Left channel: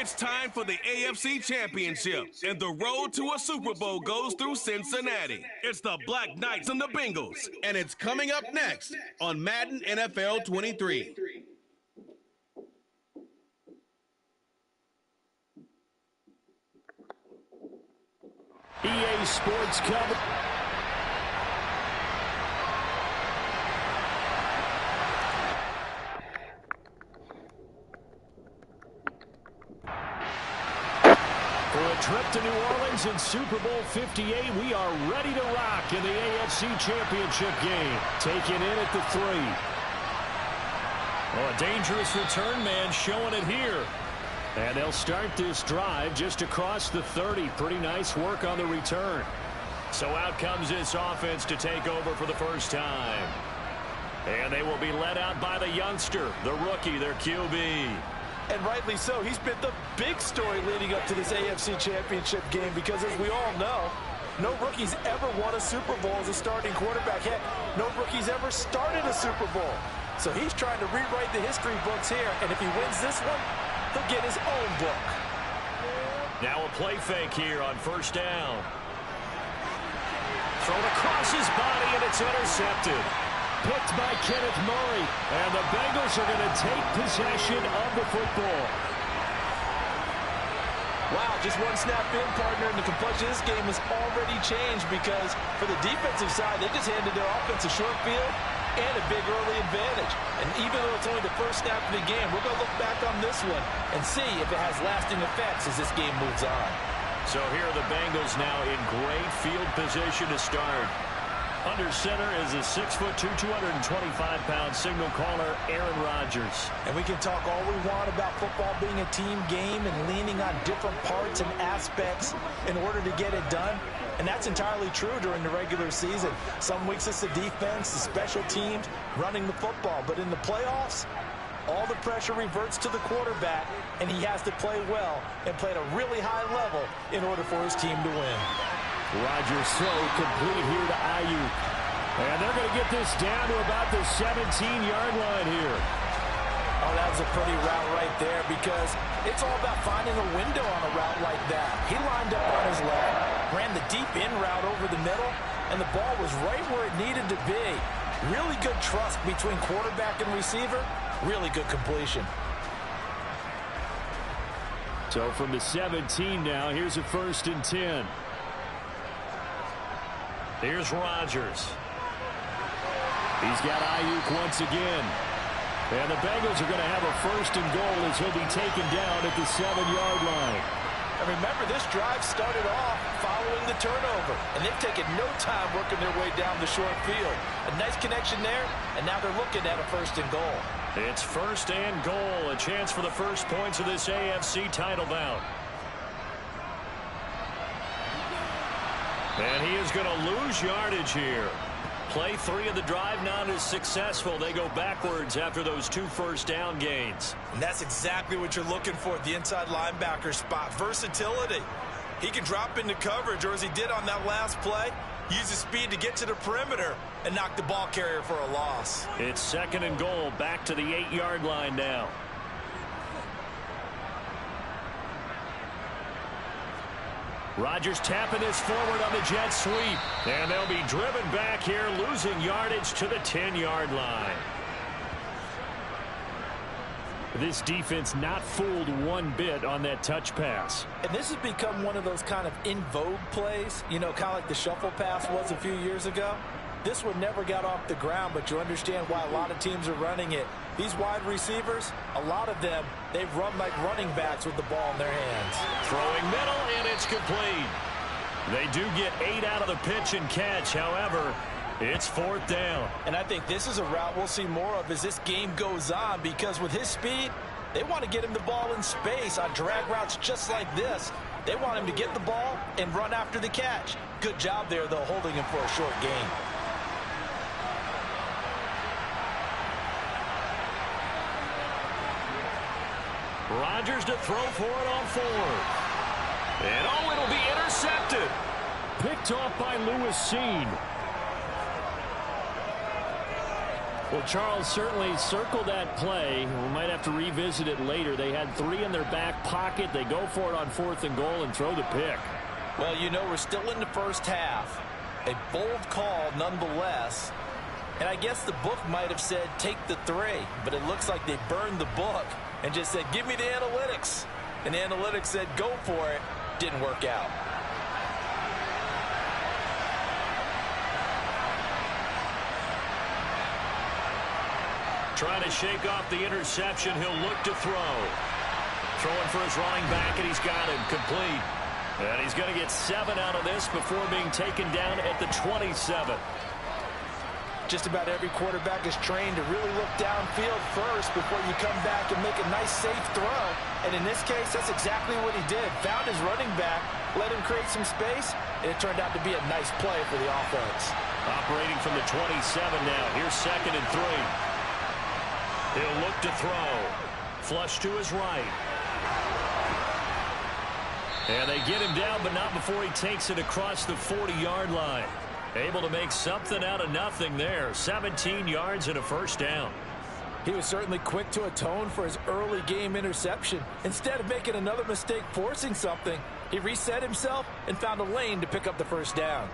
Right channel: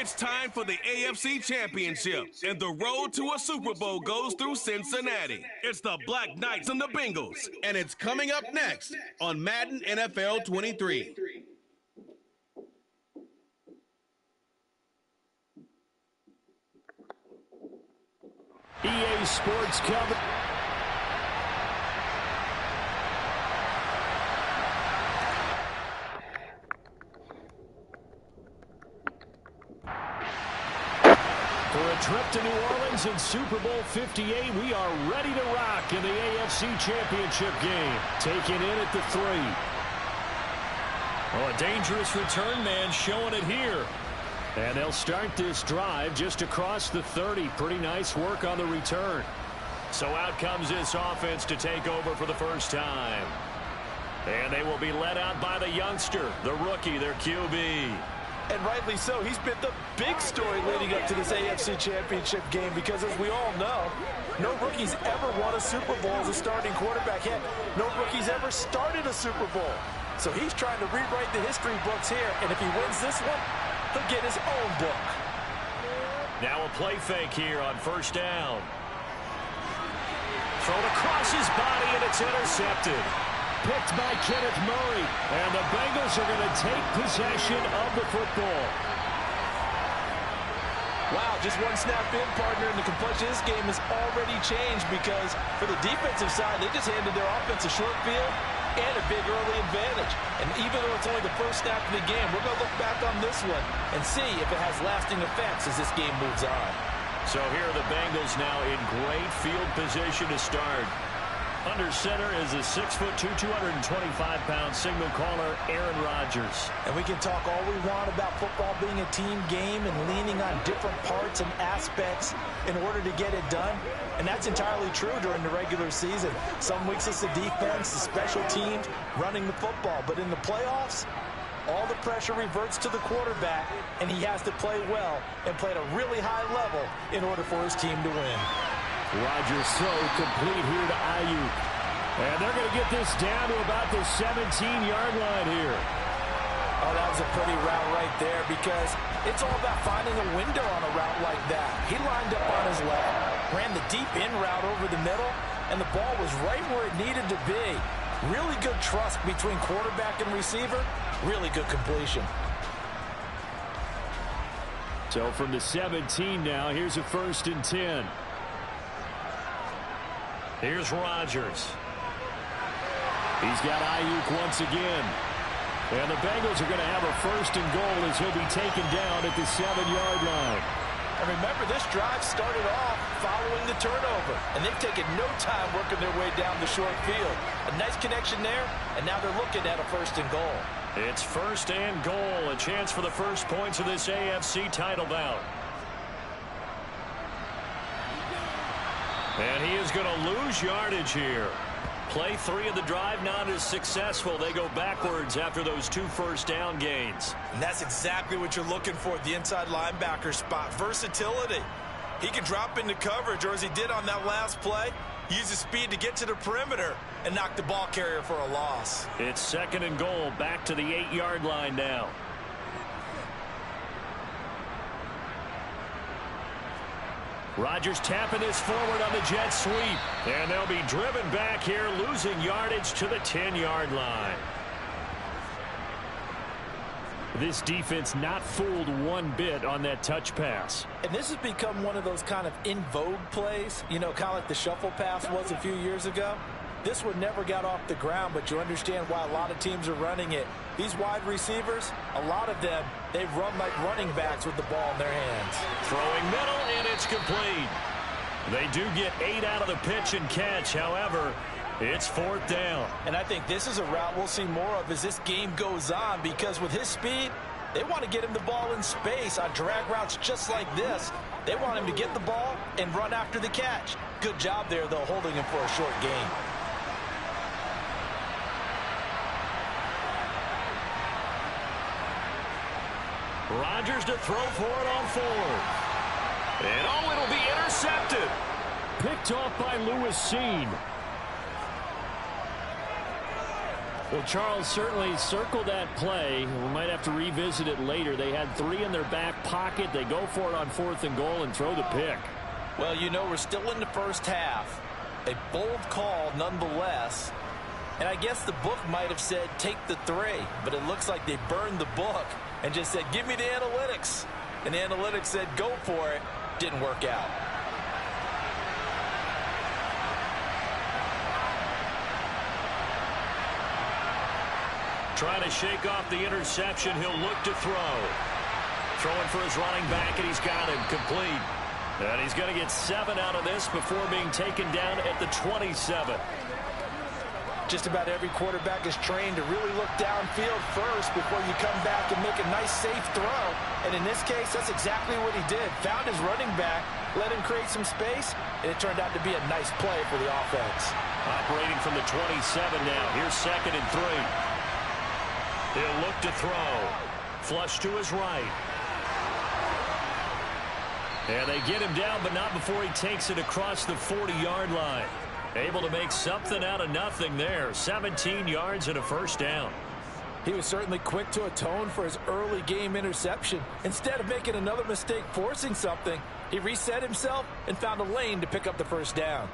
It's time for the AFC Championship, and the road to a Super Bowl goes through Cincinnati. It's the Black Knights and the Bengals, and it's coming up next on Madden NFL 23. EA Sports cover. For a trip to New Orleans in Super Bowl 58, we are ready to rock in the AFC Championship game. Taking in at the 3. Oh, a dangerous return man showing it here. And they'll start this drive just across the 30. Pretty nice work on the return. So out comes this offense to take over for the first time. And they will be led out by the youngster, the rookie, their QB. And rightly so. He's been the big story leading up to this AFC Championship game because, as we all know, no rookie's ever won a Super Bowl as a starting quarterback. Heck, no rookie's ever started a Super Bowl. So he's trying to rewrite the history books here, and if he wins this one, he'll get his own book. Now a play fake here on first down. Thrown across his body, and it's intercepted. Picked by Kenneth Murray, and the Bengals are going to take possession of the football. Wow, just one snap in, partner, and the complexion of this game has already changed because for the defensive side, they just handed their offense a short field and a big early advantage. And even though it's only the first snap of the game, we're going to look back on this one and see if it has lasting effects as this game moves on. So here are the Bengals now in great field position to start. Under center is a 6'2", 225-pound signal caller, Aaron Rodgers. And we can talk all we want about football being a team game and leaning on different parts and aspects in order to get it done. And that's entirely true during the regular season. Some weeks it's the defense, the special teams, running the football. But in the playoffs, all the pressure reverts to the quarterback, and he has to play well and play at a really high level in order for his team to win. Rodgers throw complete here to Ayuk. And they're going to get this down to about the 17-yard line here. Oh, that was a pretty route right there because it's all about finding a window on a route like that. He lined up on his left, ran the deep in route over the middle, and the ball was right where it needed to be. Really good trust between quarterback and receiver. Really good completion. So from the 17 now, here's a 1st and 10. Here's Rodgers. He's got Ayuk once again. And the Bengals are going to have a 1st and goal as he'll be taken down at the 7-yard line. And remember, this drive started off following the turnover. And they've taken no time working their way down the short field. A nice connection there, and now they're looking at a 1st and goal. It's 1st and goal, a chance for the first points of this AFC title bout. And he is going to lose yardage here. Play 3 of the drive not as successful. They go backwards after those 2 first down gains. And that's exactly what you're looking for at the inside linebacker spot. Versatility. He can drop into coverage, or as he did on that last play, use his speed to get to the perimeter and knock the ball carrier for a loss. It's 2nd and goal, back to the 8-yard line now. Rodgers tapping this forward on the jet sweep. And they'll be driven back here, losing yardage to the 10-yard line. This defense not fooled one bit on that touch pass. And this has become one of those kind of in vogue plays, you know, kind of like the shuffle pass was a few years ago. This one never got off the ground, but you understand why a lot of teams are running it. These wide receivers, a lot of them, they run like running backs with the ball in their hands. Throwing middle, and it's complete. They do get 8 out of the pitch and catch. However, it's 4th down. And I think this is a route we'll see more of as this game goes on, because with his speed, they want to get him the ball in space on drag routes just like this. They want him to get the ball and run after the catch. Good job there, though, holding him for a short gain. Rodgers to throw for it on 4th. And oh, it'll be intercepted. Picked off by Lewis Seen. Well, Charles, certainly circle that play. We might have to revisit it later. They had 3 in their back pocket. They go for it on 4th and goal and throw the pick. Well, you know, we're still in the first half. A bold call nonetheless. And I guess the book might have said take the 3, but it looks like they burned the book and just said, give me the analytics. And the analytics said, go for it. Didn't work out. Trying to shake off the interception. He'll look to throw. Throwing for his running back, and he's got him complete. And he's going to get 7 out of this before being taken down at the 27. Just about every quarterback is trained to really look downfield first before you come back and make a nice, safe throw. And in this case, that's exactly what he did. Found his running back, let him create some space, and it turned out to be a nice play for the offense. Operating from the 27 now. Here's 2nd and 3. He'll look to throw. Flush to his right. And they get him down, but not before he takes it across the 40-yard line. Able to make something out of nothing there. 17 yards and a first down. He was certainly quick to atone for his early game interception. Instead of making another mistake forcing something, he reset himself and found a lane to pick up the first down.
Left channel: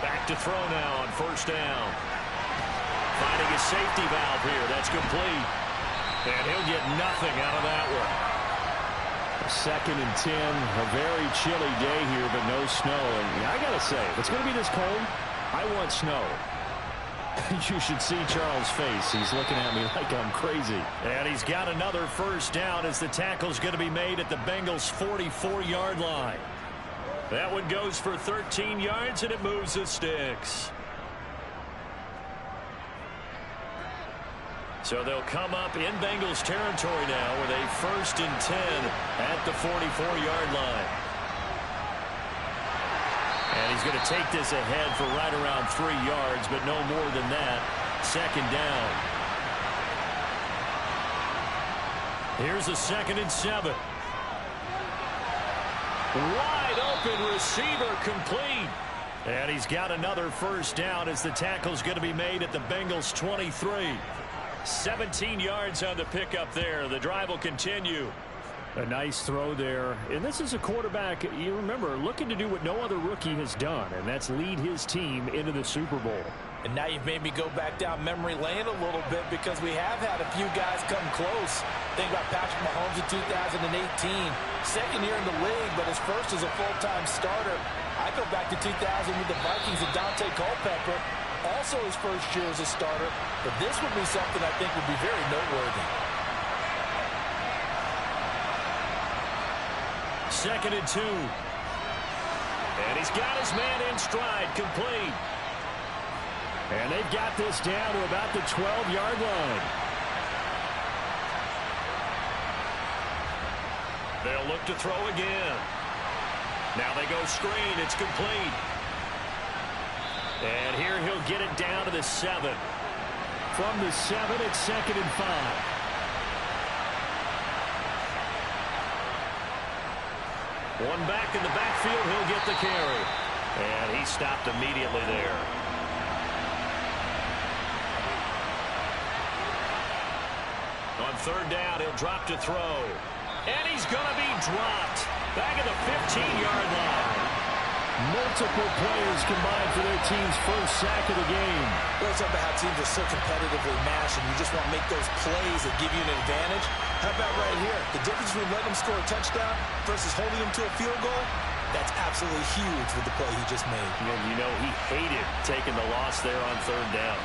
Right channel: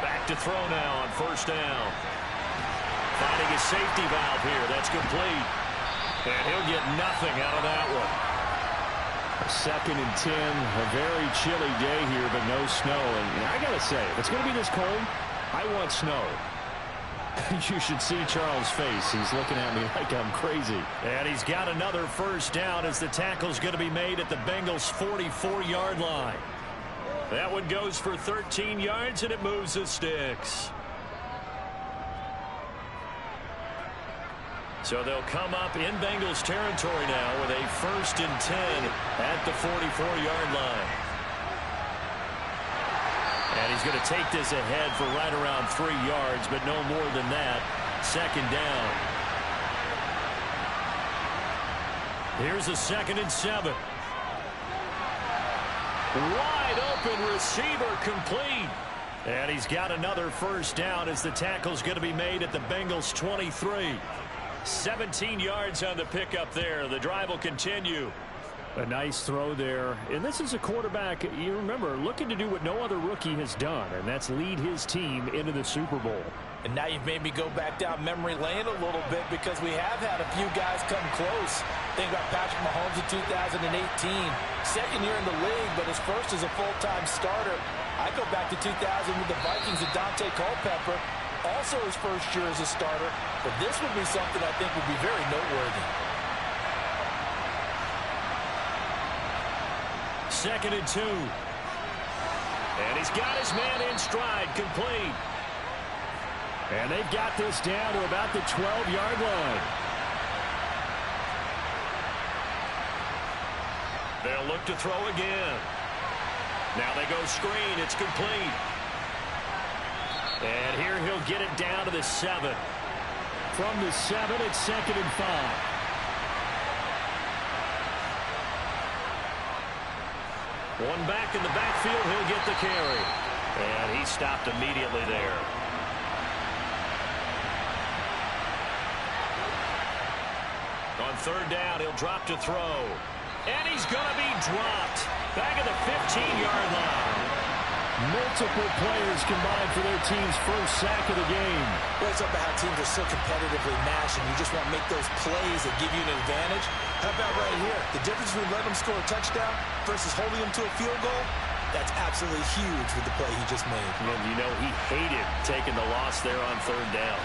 Back to throw now on first down. Finding his safety valve here. That's complete. And he'll get nothing out of that one. 2nd and 10. A very chilly day here, but no snow. And I got to say, if it's going to be this cold, I want snow. You should see Charles' face. He's looking at me like I'm crazy. And he's got another first down as the tackle's going to be made at the Bengals' 44-yard line. That one goes for 13 yards, and it moves the sticks. So they'll come up in Bengals territory now with a 1st and 10 at the 44-yard line. And he's going to take this ahead for right around 3 yards, but no more than that. 2nd down. Here's a 2nd and 7. Wide open receiver complete. And he's got another first down as the tackle's going to be made at the Bengals 23. 17 yards on the pickup there. The drive will continue. A nice throw there. And this is a quarterback, you remember, looking to do what no other rookie has done, and that's lead his team into the Super Bowl. And now you've made me go back down memory lane a little bit because we have had a few guys come close. Think about Patrick Mahomes in 2018. 2nd year in the league, but his first as a full-time starter. I go back to 2000 with the Vikings and Dante Culpepper. Also his first year as a starter. But this would be something I think would be very noteworthy. 2nd and 2. And he's got his man in stride, complete. And they've got this down to about the 12-yard line. They'll look to throw again. Now they go screen. It's complete. And here he'll get it down to the 7. From the 7, it's 2nd and 5. One back in the backfield. He'll get the carry. And he stopped immediately there. On 3rd down, he'll drop to throw. And he's going to be dropped. Back at the 15-yard line. Multiple players combined for their team's first sack of the game. Well, it's about how teams are so competitively matched, and you just want to make those plays that give you an advantage. How about right here? The difference between letting them score a touchdown versus holding them to a field goal, that's absolutely huge with the play he just made. And you know he hated taking the loss there on 3rd down.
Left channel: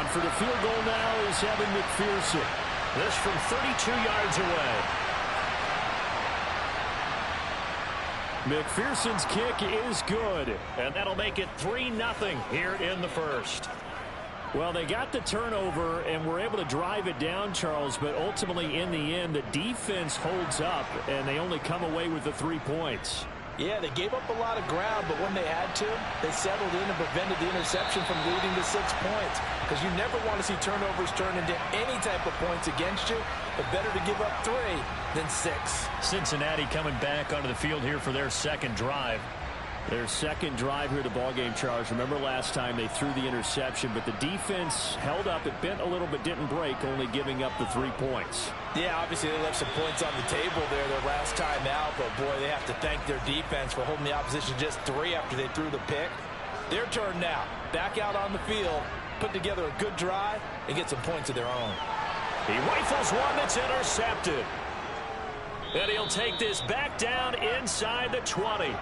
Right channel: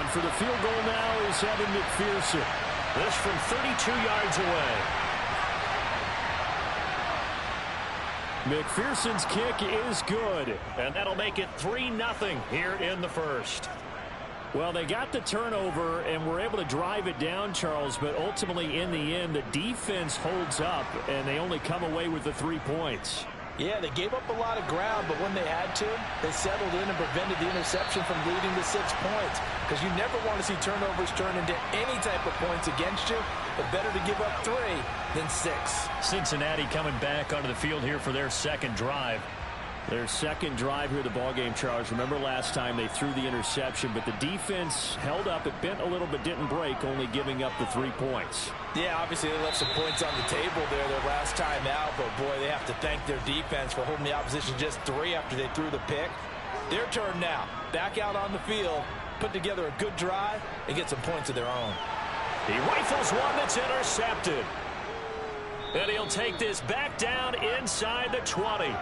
On for the field goal now is Evan McPherson. This from 32 yards away. McPherson's kick is good, and that'll make it 3-0 here in the first. Well, they got the turnover and were able to drive it down, Charles, but ultimately in the end, the defense holds up, and they only come away with the 3 points. Yeah, they gave up a lot of ground, but when they had to, they settled in and prevented the interception from leading to 6 points. Because you never want to see turnovers turn into any type of points against you, but better to give up 3 than 6. Cincinnati coming back onto the field here for their second drive. Their second drive here of the ballgame, Charles. Remember last time they threw the interception, but the defense held up. It bent a little but didn't break, only giving up the 3 points. Yeah, obviously they left some points on the table there their last time out, but boy, they have to thank their defense for holding the opposition just 3 after they threw the pick. Their turn now. Back out on the field, put together a good drive, and get some points of their own. He rifles one that's intercepted. And he'll take this back down inside the 20.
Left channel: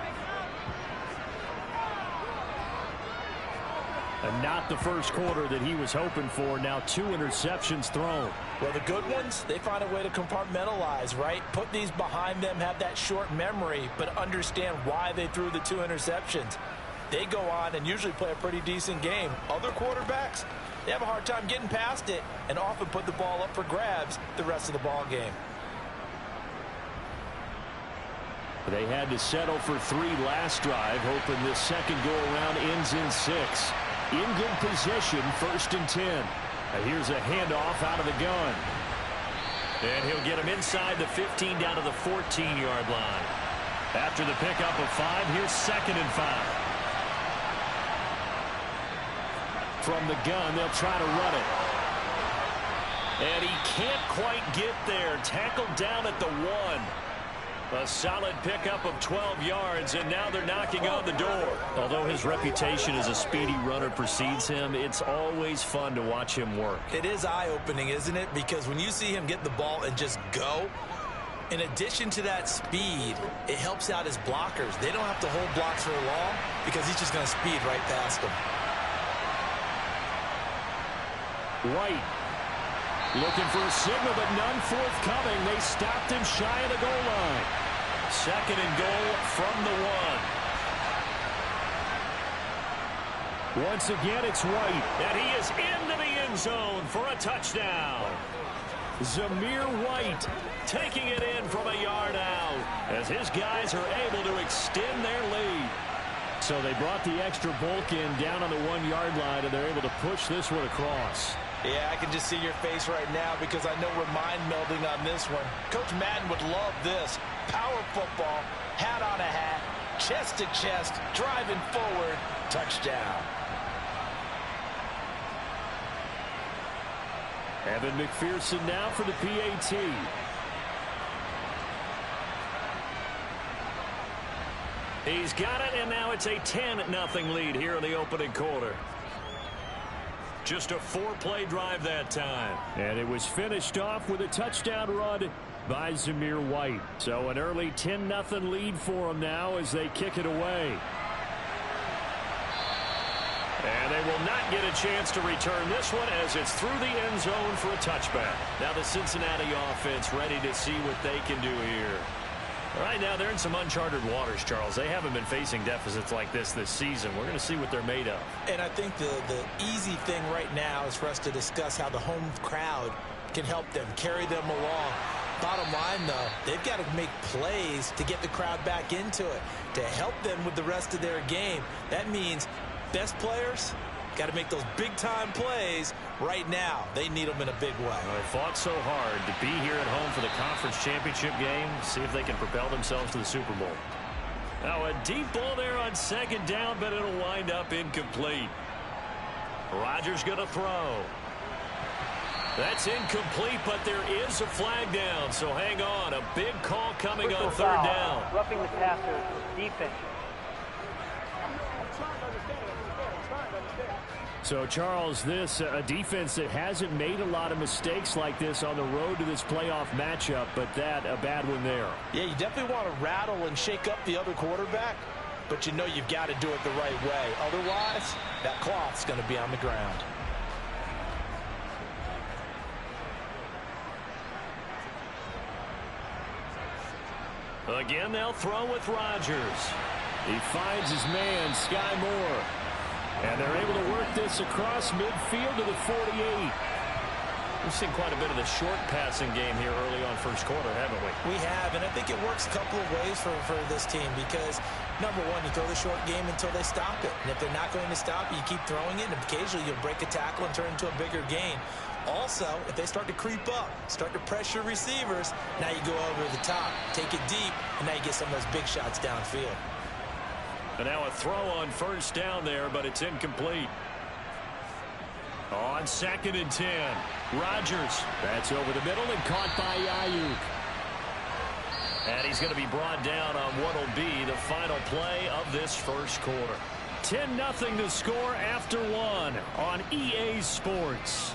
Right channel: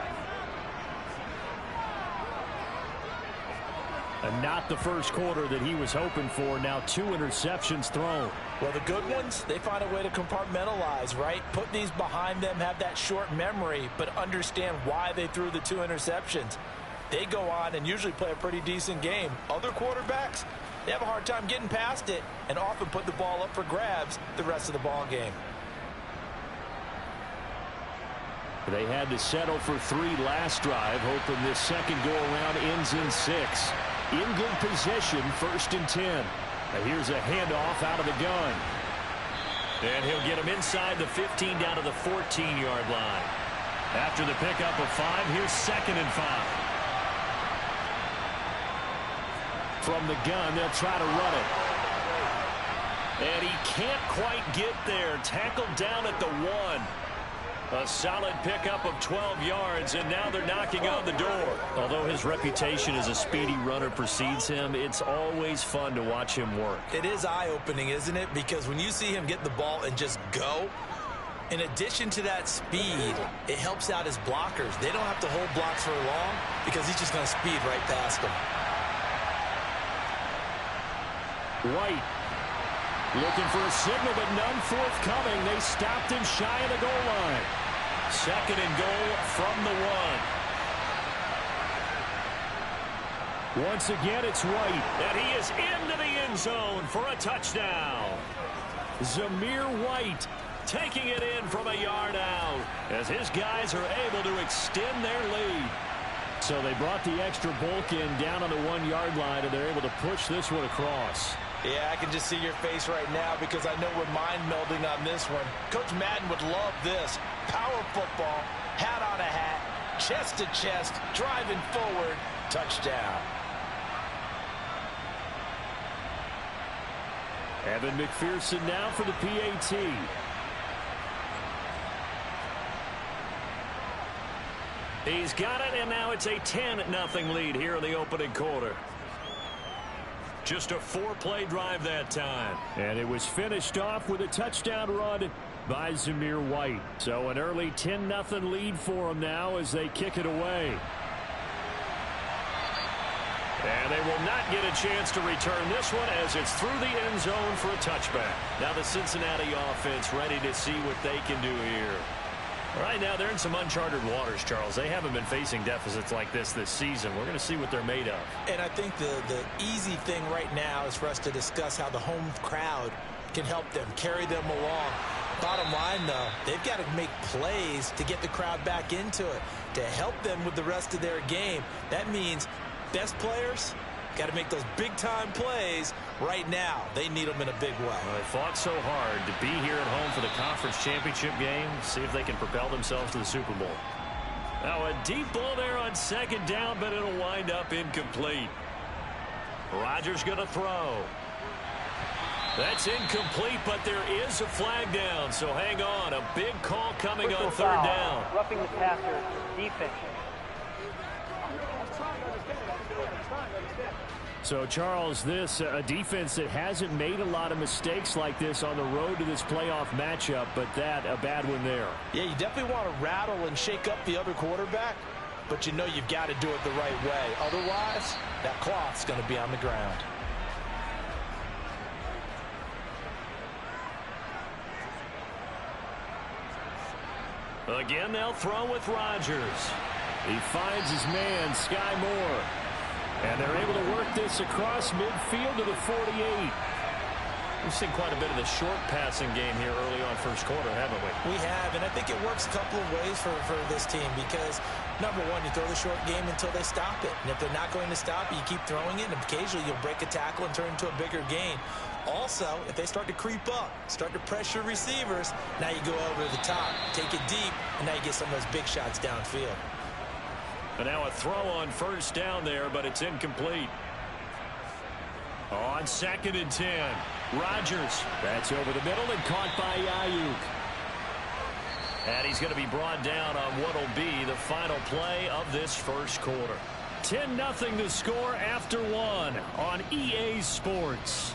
And not the first quarter that he was hoping for. Now 2 interceptions thrown. Well, the good ones, they find a way to compartmentalize, right? Put these behind them, have that short memory, but understand why they threw the 2 interceptions. They go on and usually play a pretty decent game. Other quarterbacks, they have a hard time getting past it and often put the ball up for grabs the rest of the ball game. They had to settle for 3 last drive, hoping this second go-around ends in 6. In good position, 1st and 10. Here's a handoff out of the gun. And he'll get him inside the 15 down to the 14-yard line. After the pickup of 5, here's 2nd and 5. From the gun, they'll try to run it. And he can't quite get there. Tackled down at the 1. A solid pickup of 12 yards, and now they're knocking on the door. Although his reputation as a speedy runner precedes him, it's always fun to watch him work. It is eye-opening, isn't it? Because when you see him get the ball and just go, in addition to that speed, it helps out his blockers. They don't have to hold blocks for long because he's just going to speed right past them. White looking for a signal, but none forthcoming. They stopped him shy of the goal line. 2nd and goal from the 1. Once again, it's White. And he is into the end zone for a touchdown. Zamir White taking it in from a yard out as his guys are able to extend their lead. So they brought the extra bulk in down on the 1-yard line, and they're able to push this one across. Yeah, I can just see your face right now because I know we're mind melding on this one. Coach Madden would love this. Power football, hat on a hat, chest to chest, driving forward, touchdown. Evan McPherson now for the PAT. He's got it, and now it's a 10-0 lead here in the opening quarter. Just a 4-play drive that time. And it was finished off with a touchdown run by Zamir White. So an early 10-0 lead for them now as they kick it away. And they will not get a chance to return this one as it's through the end zone for a touchback. Now the Cincinnati offense ready to see what they can do here. Right now they're in some uncharted waters, Charles. They haven't been facing deficits like this season. We're going to see what they're made of. And I think the easy thing right now is for us to discuss how the home crowd can help them, carry them along. Bottom line, though, they've got to make plays to get the crowd back into it, to help them with the rest of their game. That means best players got to make those big-time plays right now. They need them in a big way. Well, they fought so hard to be here at home for the conference championship game. See if they can propel themselves to the Super Bowl. Now a deep ball there on 2nd down, but it'll wind up incomplete. Rodgers going to throw. That's incomplete, but there is a flag down, so hang on. A big call coming on 3rd down. Roughing the passer, defense. So, Charles, this a defense that hasn't made a lot of mistakes like this on the road to this playoff matchup, but that a bad one there. Yeah, you definitely want to rattle and shake up the other quarterback, but you know you've got to do it the right way. Otherwise, that cloth's going to be on the ground. Again, they'll throw with Rodgers. He finds his man, Sky Moore. And they're able to work this across midfield to the 48. We've seen quite a bit of the short passing game here early on first quarter, haven't we? We have, and I think it works a couple of ways for this team because, number one, you throw the short game until they stop it. And if they're not going to stop it, you keep throwing it, and occasionally you'll break a tackle and turn it into a bigger gain. Also, if they start to creep up, start to pressure receivers, now you go over the top, take it deep, and now you get some of those big shots downfield. And now a throw on first down there, but it's incomplete. On 2nd and 10, Rodgers. That's over the middle and caught by Ayuk. And he's going to be brought down on what will be the final play of this first quarter. 10-0 the score after one on EA Sports.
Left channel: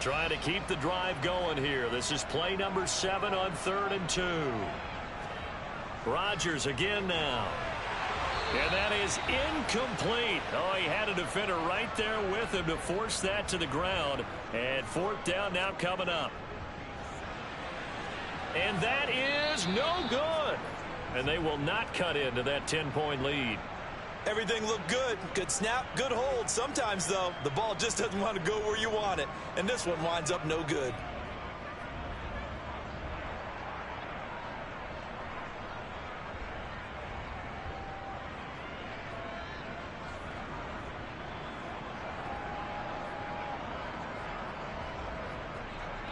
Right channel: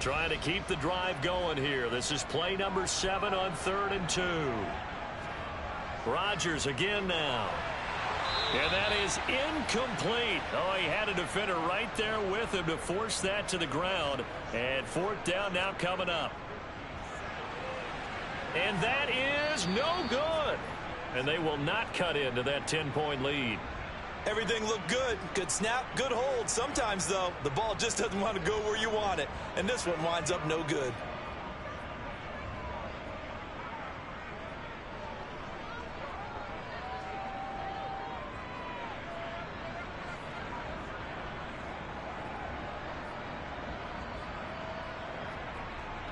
Trying to keep the drive going here. This is play number 7 on 3rd and 2. Rodgers again now. And that is incomplete. Oh, he had a defender right there with him to force that to the ground. And 4th down now coming up. And that is no good. And they will not cut into that 10-point lead. Everything looked good. Good snap, good hold. Sometimes, though, the ball just doesn't want to go where you want it. And this one winds up no good.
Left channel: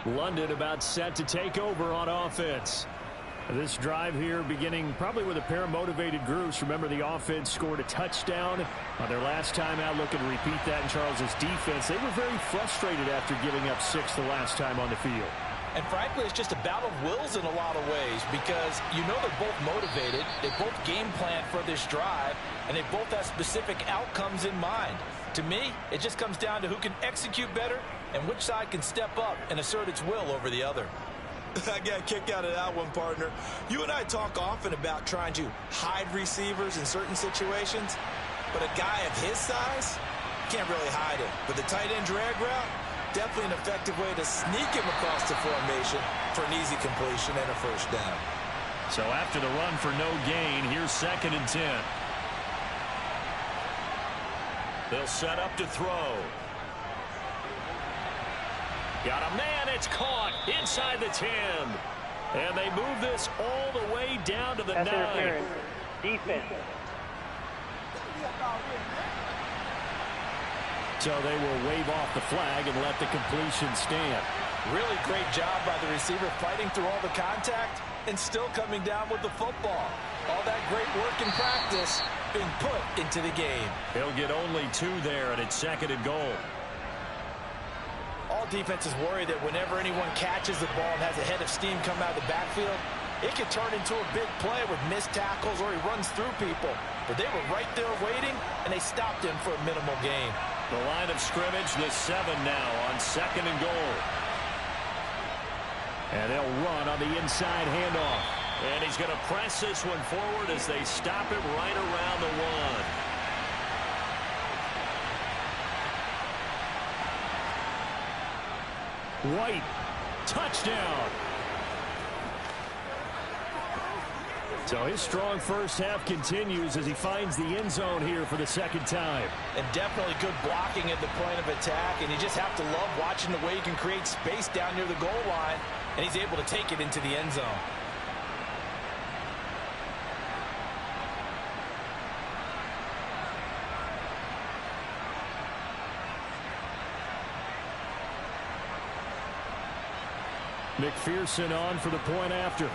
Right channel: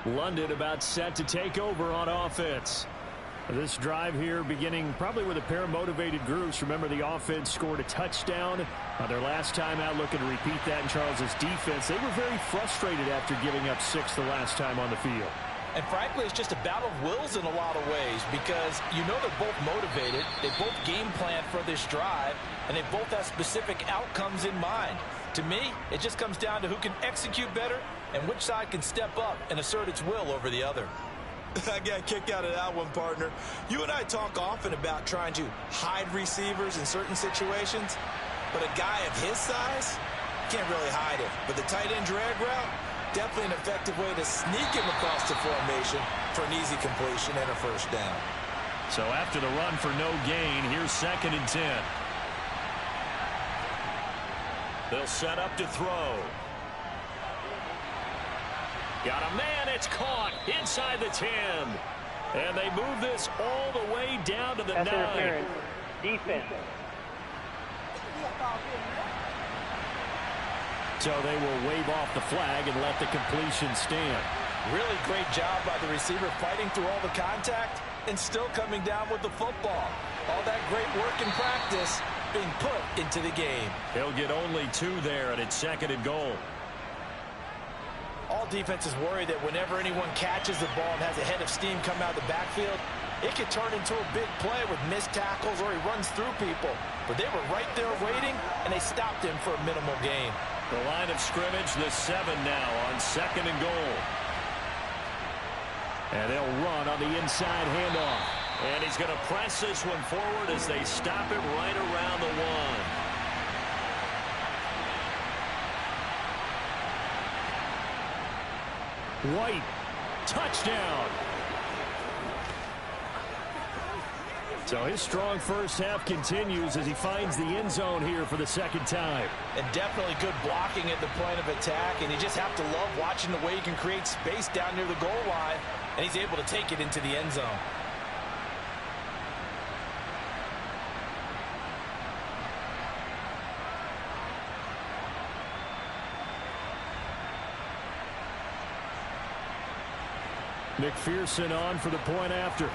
London about set to take over on offense. This drive here beginning probably with a pair of motivated groups. Remember, the offense scored a touchdown on their last time out, looking to repeat that in Charles's defense. They were very frustrated after giving up 6 the last time on the field. And frankly, it's just a battle of wills in a lot of ways because you know they're both motivated. They both game plan for this drive, and they both have specific outcomes in mind. To me, it just comes down to who can execute better and which side can step up and assert its will over the other. I got a kick out of that one, partner. You and I talk often about trying to hide receivers in certain situations, but a guy of his size can't really hide him. But the tight end drag route, definitely an effective way to sneak him across the formation for an easy completion and a first down. So after the run for no gain, here's 2nd and 10. They'll set up to throw. Got a man, it's caught inside the 10. And they move this all the way down to the 9. Interference. Defense. So they will wave off the flag and let the completion stand. Really great job by the receiver fighting through all the contact and still coming down with the football. All that great work in practice being put into the game. He'll get only 2 there, and it's 2nd and goal. All defenses worry that whenever anyone catches the ball and has a head of steam come out of the backfield, it could turn into a big play with missed tackles or he runs through people. But they were right there waiting, and they stopped him for a minimal gain. The line of scrimmage, the 7 now on 2nd and goal. And they'll run on the inside handoff. And he's going to press this one forward as they stop him right around the 1. White, touchdown. So his strong first half continues as he finds the end zone here for the 2nd time. And definitely good blocking at the point of attack, and you just have to love watching the way he can create space down near the goal line, and he's able to take it into the end zone. McPherson on for the point after.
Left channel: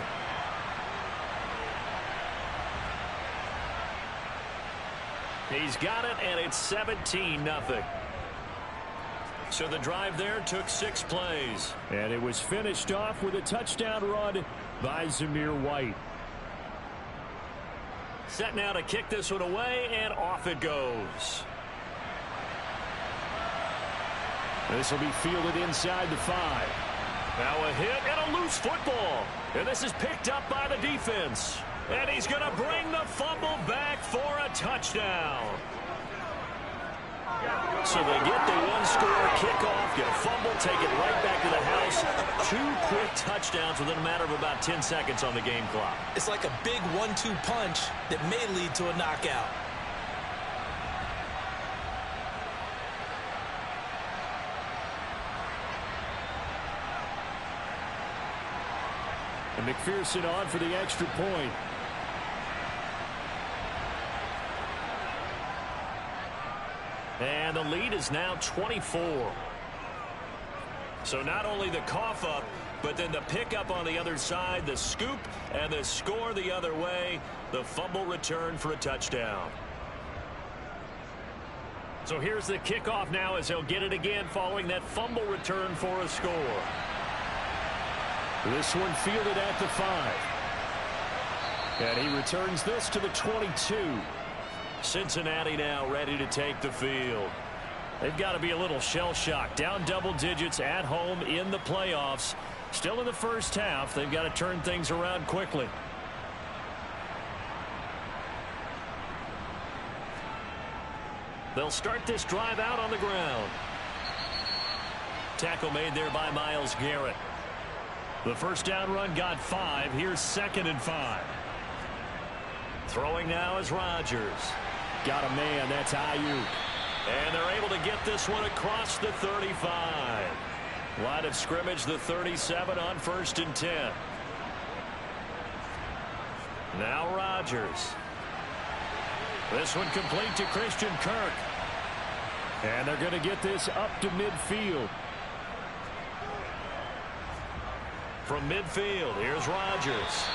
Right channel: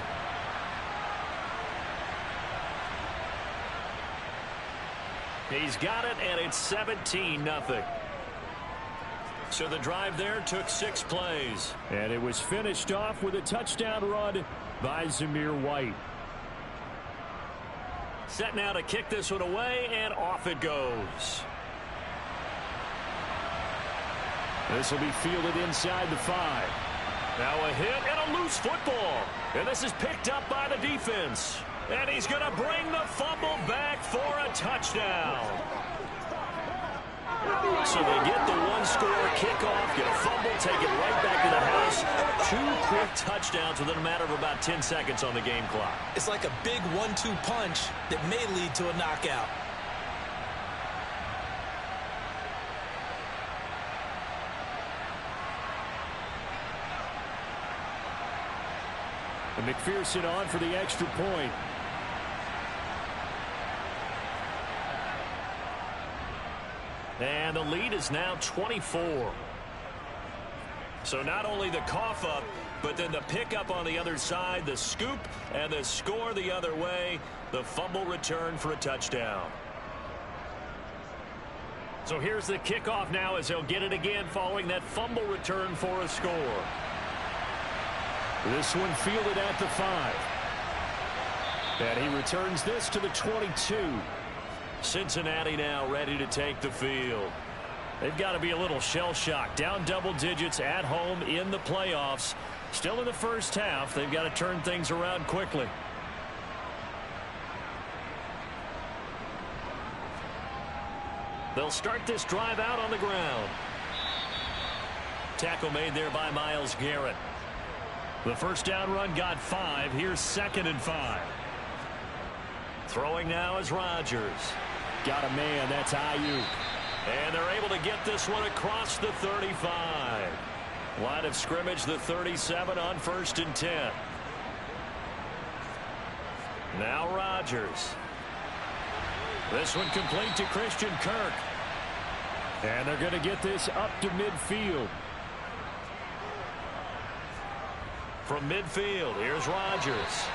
He's got it, and it's 17-0. So the drive there took 6 plays. And it was finished off with a touchdown run by Zamir White. Set now to kick this one away, and off it goes. This will be fielded inside the 5. Now a hit and a loose football. And this is picked up by the defense. And he's going to bring the fumble back for a touchdown. So they get the 1-score kickoff, get a fumble, take it right back to the house. 2 quick touchdowns within a matter of about 10 seconds on the game clock. It's like a big 1-2 punch that may lead to a knockout. And McPherson on for the extra point. And the lead is now 24. So not only the cough up, but then the pickup on the other side, the scoop, and the score the other way. The fumble return for a touchdown. So here's the kickoff now as he'll get it again following that fumble return for a score. This one fielded at the 5. And he returns this to the 22. Cincinnati now ready to take the field. They've got to be a little shell-shocked. Down double digits at home in the playoffs. Still in the first half. They've got to turn things around quickly. They'll start this drive out on the ground. Tackle made there by Myles Garrett. The first down run got 5. Here's 2nd and 5. Throwing now is Rodgers. Got a man. That's Ayuk. And they're able to get this one across the 35. Line of scrimmage, the 37 on 1st and 10. Now Rodgers. This one complete to Christian Kirk. And they're going to get this up to midfield. From midfield, here's Rodgers.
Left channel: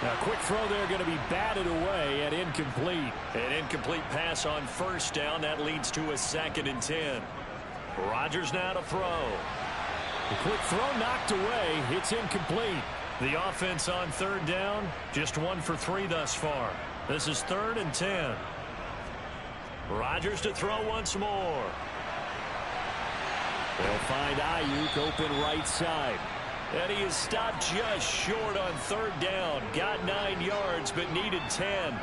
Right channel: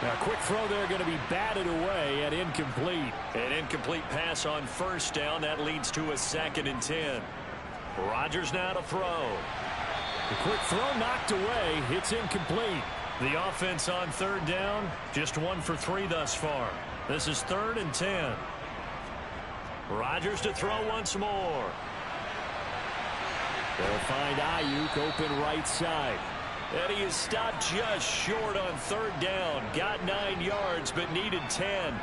Now, quick throw there going to be batted away and incomplete. An incomplete pass on 1st down. That leads to a 2nd and 10. Rodgers now to throw. The quick throw knocked away. It's incomplete. The offense on 3rd down, just 1 for 3 thus far. This is 3rd and 10. Rodgers to throw once more. They'll find Ayuk open right side. And he is stopped just short on 3rd down. Got 9 yards, but needed 10.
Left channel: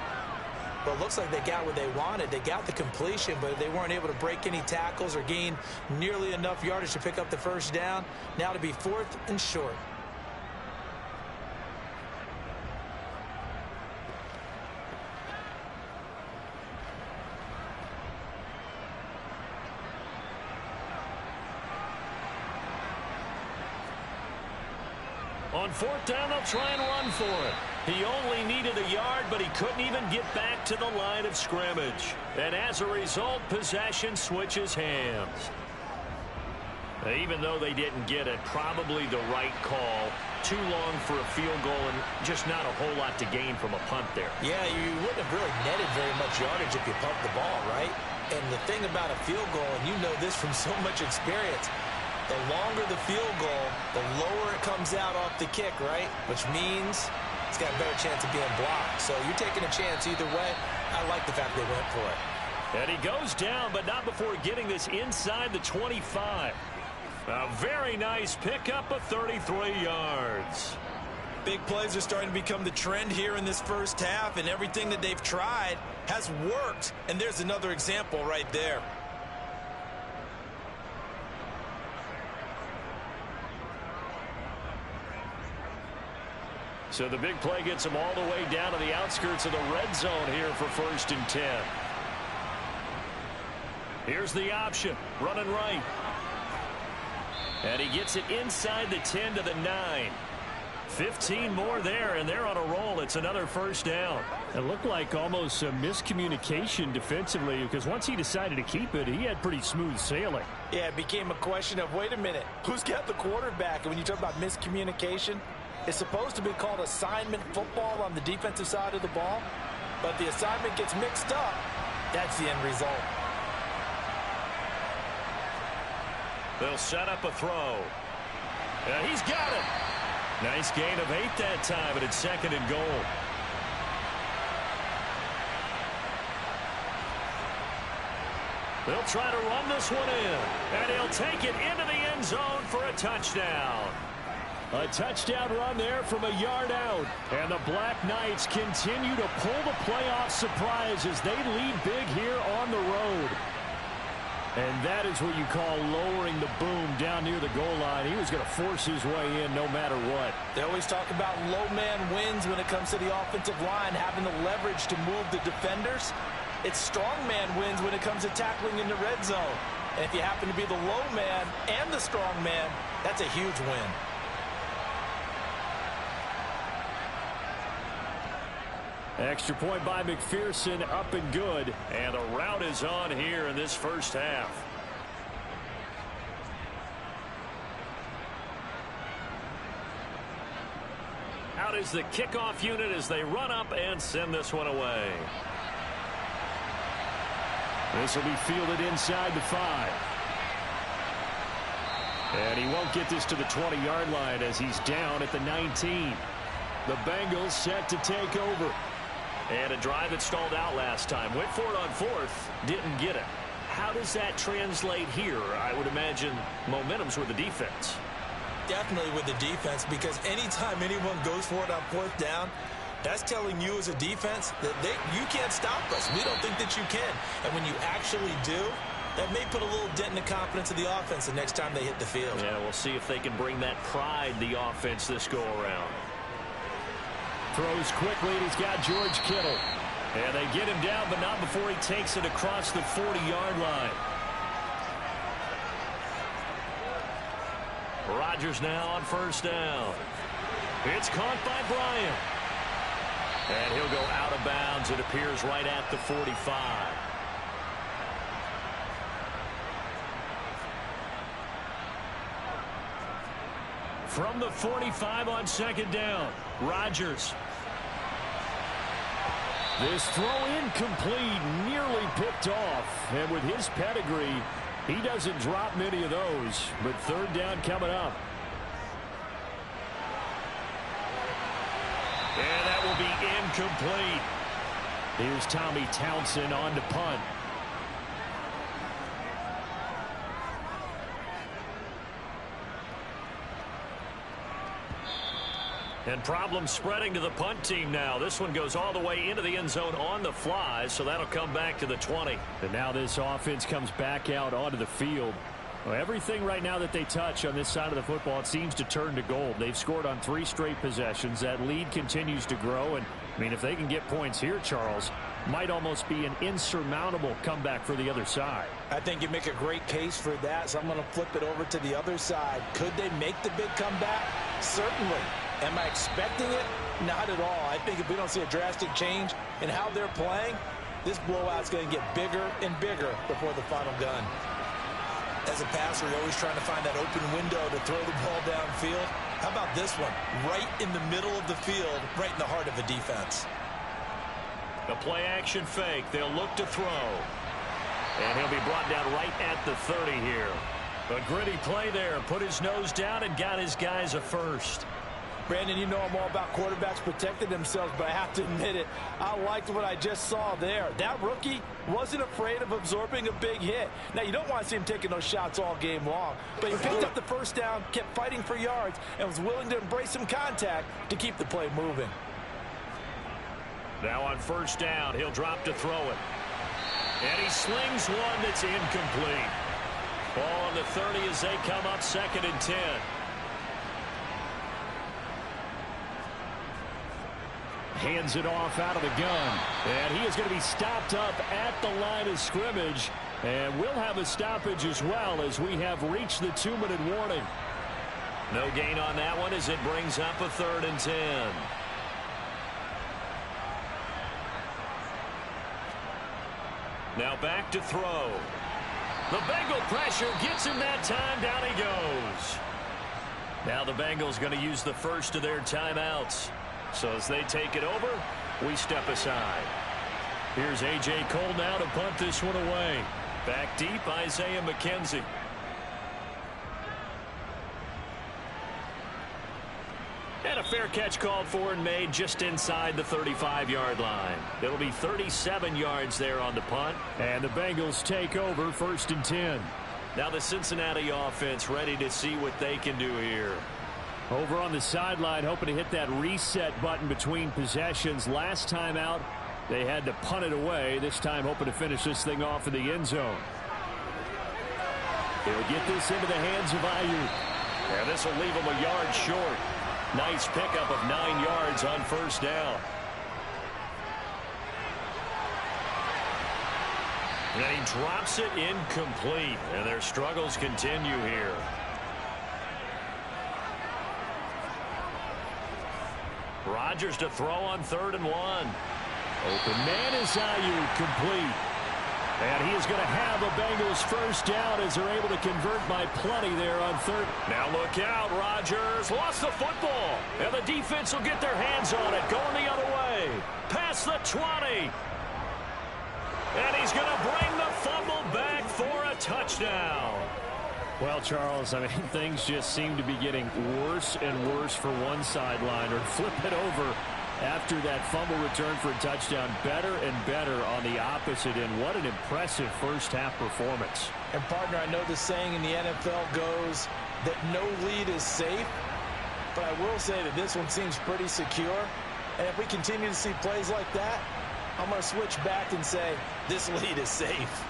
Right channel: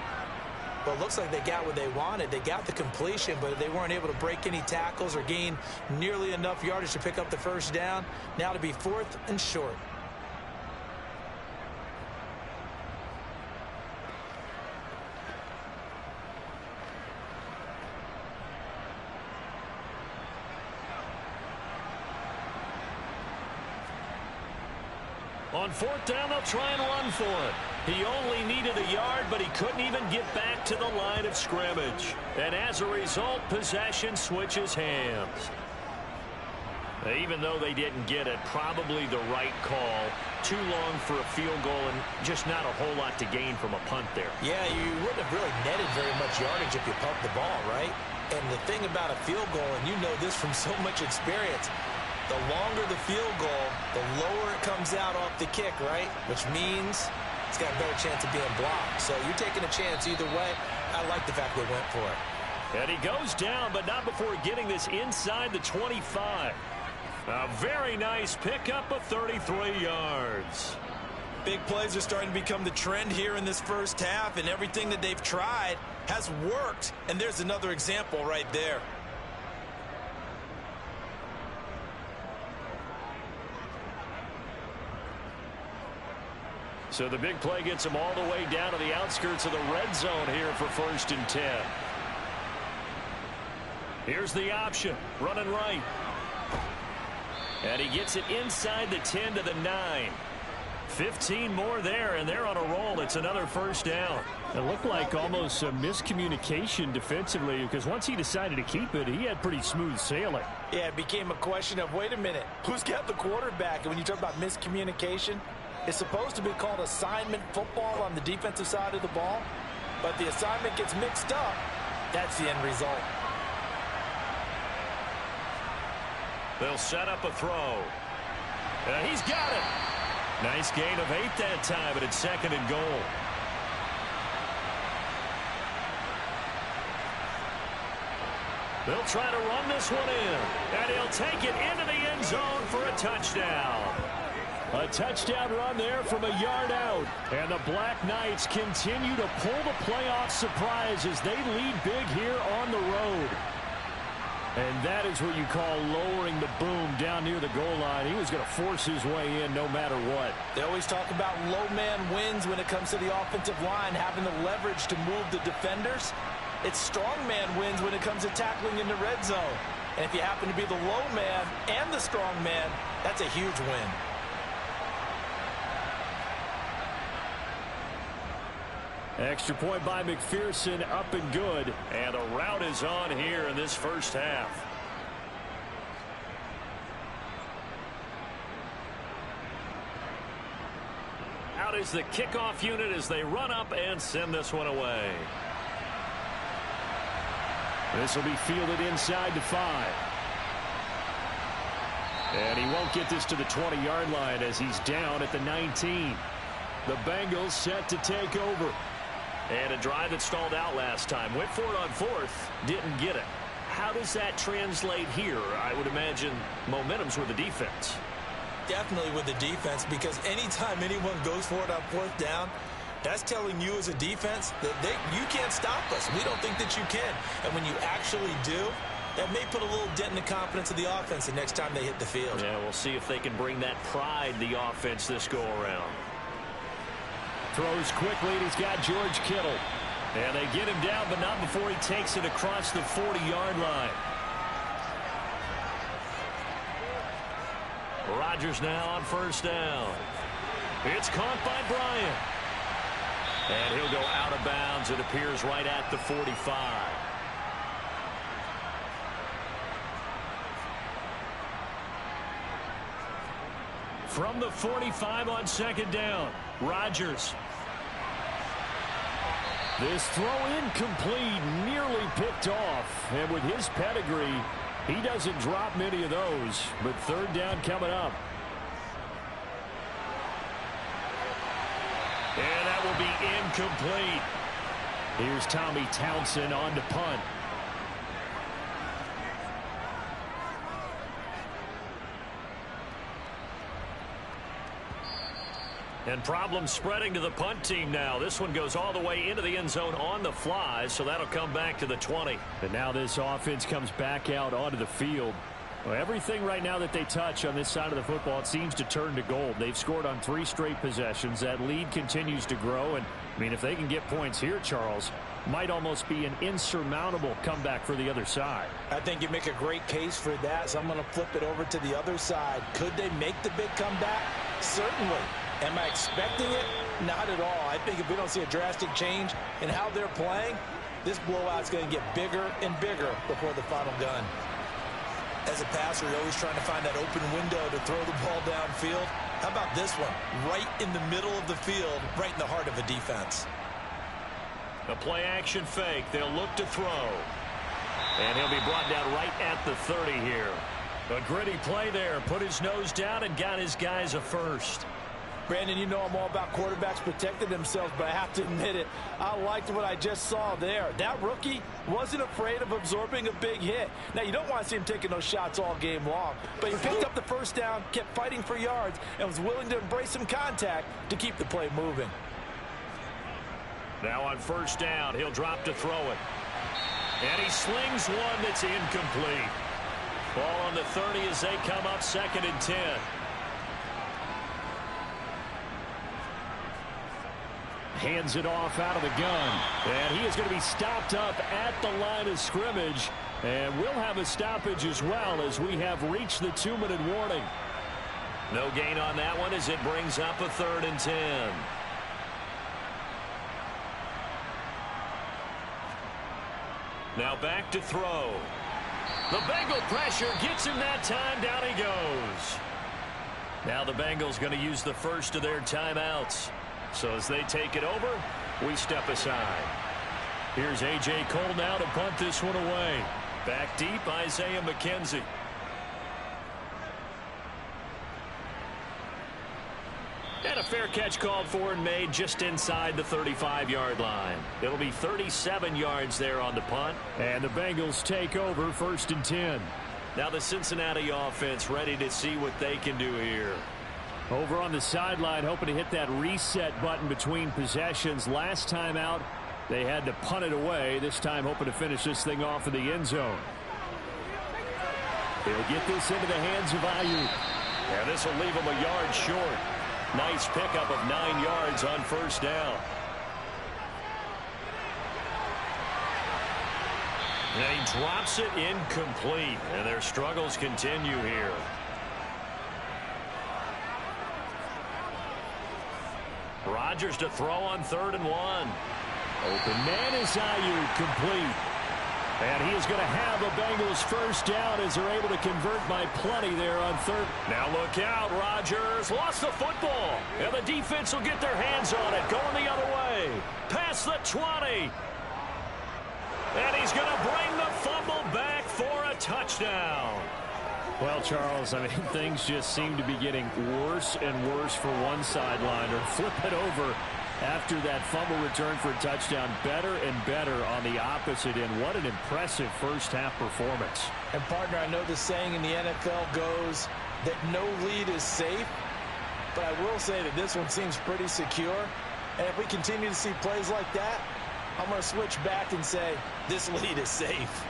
Well, it looks like they got what they wanted. They got the completion, but they weren't able to break any tackles or gain nearly enough yardage to pick up the 1st down. Now to be 4th and short. On 4th down, they'll try and run for it. He only needed a yard, but he couldn't even get back to the line of scrimmage. And as a result, possession switches hands. Even though they didn't get it, probably the right call. Too long for a field goal and just not a whole lot to gain from a punt there. Yeah, you wouldn't have really netted very much yardage if you pumped the ball, right? And the thing about a field goal, and you know this from so much experience, the longer the field goal, the lower it comes out off the kick, right? Which means it's got a better chance of being blocked. So you're taking a chance either way. I like the fact they went for it. And he goes down, but not before getting this inside the 25. A very nice pickup of 33 yards. Big plays are starting to become the trend here in this first half, and everything that they've tried has worked. And there's another example right there. So the big play gets them all the way down to the outskirts of the red zone here for 1st and 10. Here's the option, running right. And he gets it inside the 10 to the 9. 15 more there, and they're on a roll. It's another 1st down. It looked like almost a miscommunication defensively, because once he decided to keep it, he had pretty smooth sailing. Yeah, it became a question of, wait a minute, who's got the quarterback? And when you talk about miscommunication, it's supposed to be called assignment football on the defensive side of the ball, but the assignment gets mixed up. That's the end result. They'll set up a throw. And he's got it. Nice gain of 8 that time, but it's 2nd and goal. They'll try to run this one in, and he'll take it into the end zone for a touchdown. A touchdown run there from a yard out. And the Black Knights continue to pull the playoff surprise as they lead big here on the road. And that is what you call lowering the boom down near the goal line. He was going to force his way in no matter what. They always talk about low man wins when it comes to the offensive line, having the leverage to move the defenders. It's strong man wins when it comes to tackling in the red zone. And if you happen to be the low man and the strong man, that's a huge win. Extra point by McPherson, up and good. And the route is on here in this first half. Out is the kickoff unit as they run up and send this one away. This will be fielded inside the 5. And he won't get this to the 20-yard line as he's down at the 19. The Bengals set to take over. And a drive that stalled out last time. Went for it on 4th. Didn't get it. How does that translate here? I would imagine momentum's with the defense. Definitely with the defense, because anytime anyone goes for it on 4th down, that's telling you as a defense that you can't stop us. We don't think that you can. And when you actually do, that may put a little dent in the confidence of the offense the next time they hit the field. Yeah, we'll see if they can bring that pride, the offense, this go-around. Throws quickly, and he's got George Kittle. And they get him down, but not before he takes it across the 40-yard line. Rodgers now on 1st down. It's caught by Bryant. And he'll go out of bounds. It appears right at the 45. From the 45 on 2nd down, Rodgers. This throw incomplete, nearly picked off. And with his pedigree, he doesn't drop many of those. But 3rd down coming up. And that will be incomplete. Here's Tommy Townsend on to punt. And problems spreading to the punt team now. This one goes all the way into the end zone on the fly, so that'll come back to the 20. And now this offense comes back out onto the field. Well, everything right now that they touch on this side of the football, it seems to turn to gold. They've scored on 3 straight possessions. That lead continues to grow. And, I mean, if they can get points here, Charles, might almost be an insurmountable comeback for the other side. I think you make a great case for that, so I'm going to flip it over to the other side. Could they make the big comeback? Certainly. Am I expecting it? Not at all. I think if we don't see a drastic change in how they're playing, this blowout's going to get bigger and bigger before the final gun. As a passer, you're always trying to find that open window to throw the ball downfield. How about this one? Right in the middle of the field, right in the heart of a defense. The play action fake. They'll look to throw. And he'll be brought down right at the 30 here. A gritty play there. Put his nose down and got his guys a first. Brandon, you know I'm all about quarterbacks protecting themselves, but I have to admit it, I liked what I just saw there. That rookie wasn't afraid of absorbing a big hit. Now, you don't want to see him taking those shots all game long, but he picked up the 1st down, kept fighting for yards, and was willing to embrace some contact to keep the play moving. Now on 1st down, he'll drop to throw it. And he slings one that's incomplete. Ball on the 30 as they come up 2nd and 10. Hands it off out of the gun. And he is going to be stopped up at the line of scrimmage. And we'll have a stoppage as well as we have reached the 2-minute warning. No gain on that one as it brings up a 3rd and 10. Now back to throw. The Bengal pressure gets him that time. Down he goes. Now the Bengals going to use the first of their timeouts. So as they take it over, we step aside. Here's A.J. Cole now to punt this one away. Back deep, Isaiah McKenzie. And a fair catch called for and made just inside the 35-yard line. It'll be 37 yards there on the punt. And the Bengals take over 1st and 10. Now the Cincinnati offense ready to see what they can do here. Over on the sideline, hoping to hit that reset button between possessions. Last time out, they had to punt it away. This time, hoping to finish this thing off in the end zone. He'll get this into the hands of Ayuk. And this will leave him a yard short. Nice pickup of 9 yards on 1st down. And he drops it incomplete. And their struggles continue here. Rodgers to throw on 3rd and 1. Open man is Ayuk, complete. And he is going to have a Bengals first down as they're able to convert by plenty there on third. Now look out, Rodgers lost the football. And the defense will get their hands on it, going the other way. Past the 20. And he's going to bring the fumble back for a touchdown. Well, Charles, I mean, things just seem to be getting worse and worse for one sideline, or flip it over after that fumble return for a touchdown. Better and better on the opposite end. What an impressive first-half performance. And, partner, I know the saying in the NFL goes that no lead is safe, but I will say that this one seems pretty secure. And if we continue to see plays like that, I'm going to switch back and say this lead is safe.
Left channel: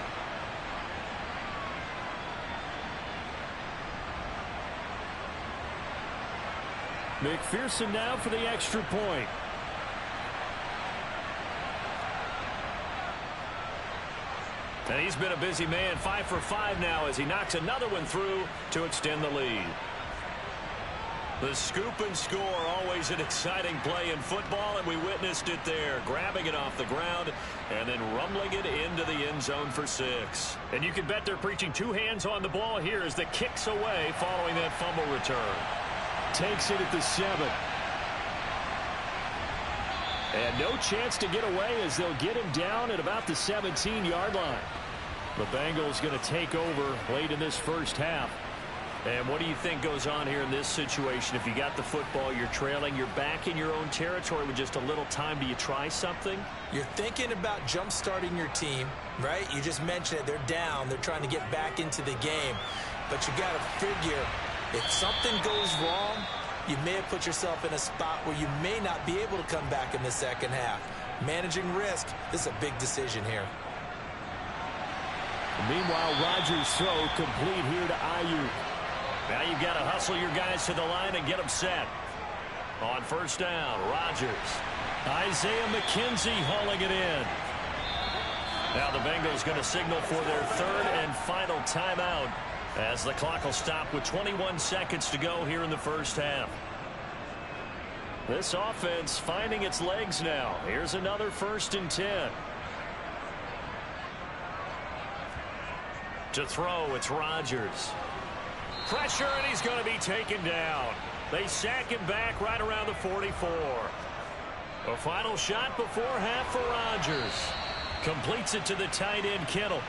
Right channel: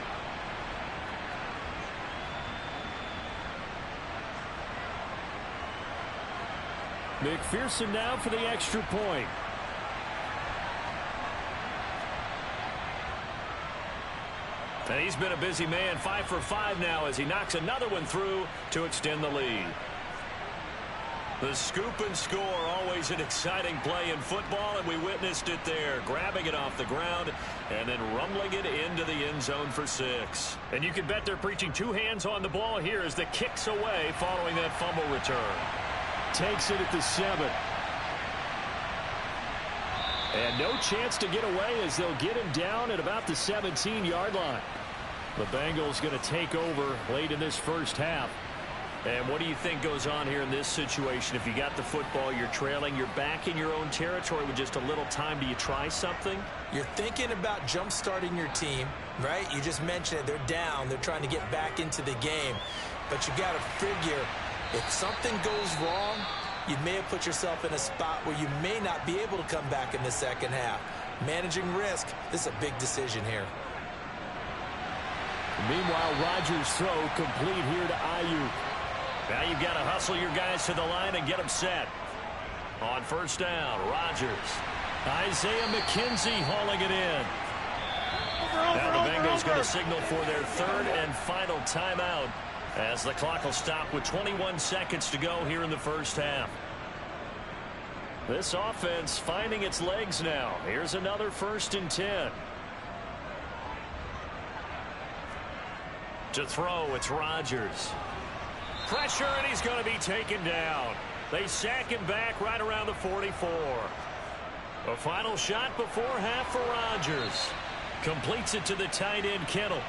McPherson now for the extra point. And he's been a busy man, 5 for 5 now as he knocks another one through to extend the lead. The scoop and score, always an exciting play in football, and we witnessed it there, grabbing it off the ground and then rumbling it into the end zone for 6. And you can bet they're preaching 2 hands on the ball here as the kick's away following that fumble return. Takes it at the 7. And no chance to get away as they'll get him down at about the 17-yard line. The Bengals going to take over late in this first half. And what do you think goes on here in this situation? If you got the football, you're trailing, you're back in your own territory with just a little time. Do you try something? You're thinking about jump-starting your team, right? You just mentioned it. They're down. They're trying to get back into the game. But you got to figure, if something goes wrong, you may have put yourself in a spot where you may not be able to come back in the second half. Managing risk, this is a big decision here. Meanwhile, Rodgers' throw complete here to Ayuk. Now you've got to hustle your guys to the line and get them set. On first down, Rodgers. Isaiah McKenzie hauling it in. Now the Bengals going to signal for their third and final timeout as the clock will stop with 21 seconds to go here in the first half. This offense finding its legs now. Here's another 1st and 10. To throw, it's Rodgers. Pressure, and he's going to be taken down. They sack him back right around the 44. A final shot before half for Rodgers. Completes it to the tight end, Kittle.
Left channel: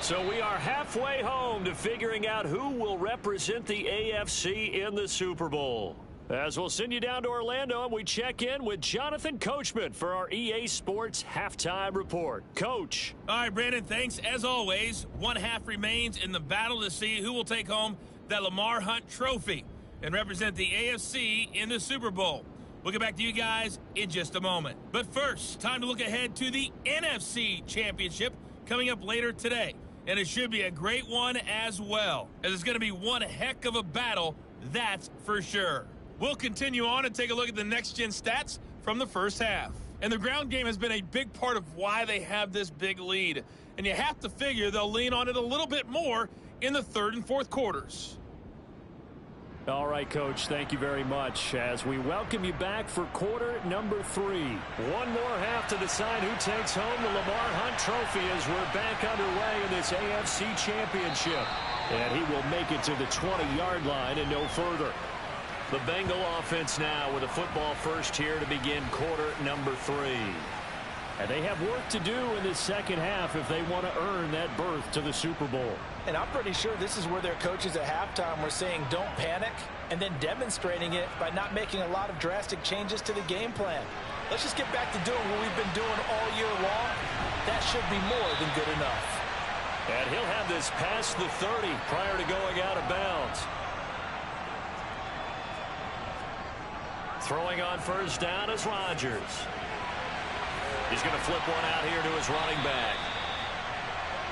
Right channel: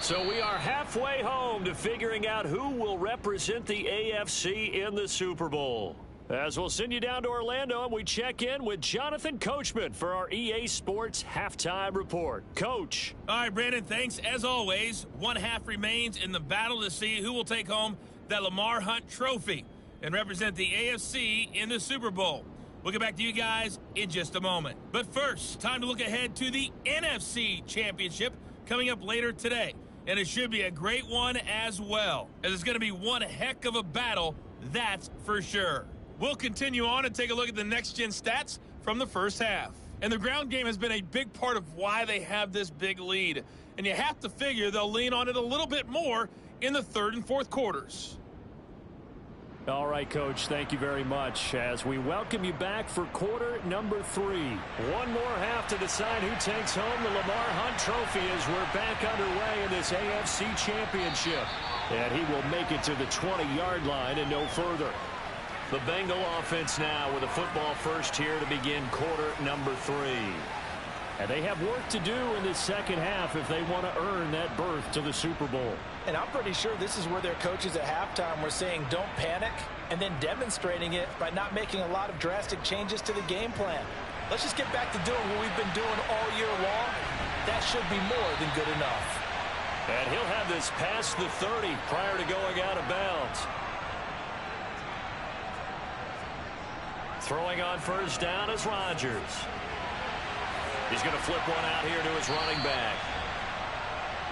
So we are halfway home to figuring out who will represent the AFC in the Super Bowl. As we'll send you down to Orlando, and we check in with Jonathan Coachman for our EA Sports Halftime Report. Coach. All right, Brandon, thanks. As always, one half remains in the battle to see who will take home that Lamar Hunt trophy and represent the AFC in the Super Bowl. We'll get back to you guys in just a moment. But first, time to look ahead to the NFC Championship coming up later today. And it should be a great one as well, as it's going to be one heck of a battle, that's for sure. We'll continue on and take a look at the next-gen stats from the first half. And the ground game has been a big part of why they have this big lead. And you have to figure they'll lean on it a little bit more in the third and fourth quarters. All right, Coach, thank you very much as we welcome you back for quarter number 3. One more half to decide who takes home the Lamar Hunt trophy as we're back underway in this AFC Championship. And he will make it to the 20-yard line and no further. The Bengal offense now with a football first here to begin quarter number 3. And they have work to do in this second half if they want to earn that berth to the Super Bowl. And I'm pretty sure this is where their coaches at halftime were saying don't panic, and then demonstrating it by not making a lot of drastic changes to the game plan. Let's just get back to doing what we've been doing all year long. That should be more than good enough. And he'll have this past the 30 prior to going out of bounds. Throwing on first down is Rodgers. He's going to flip one out here to his running back.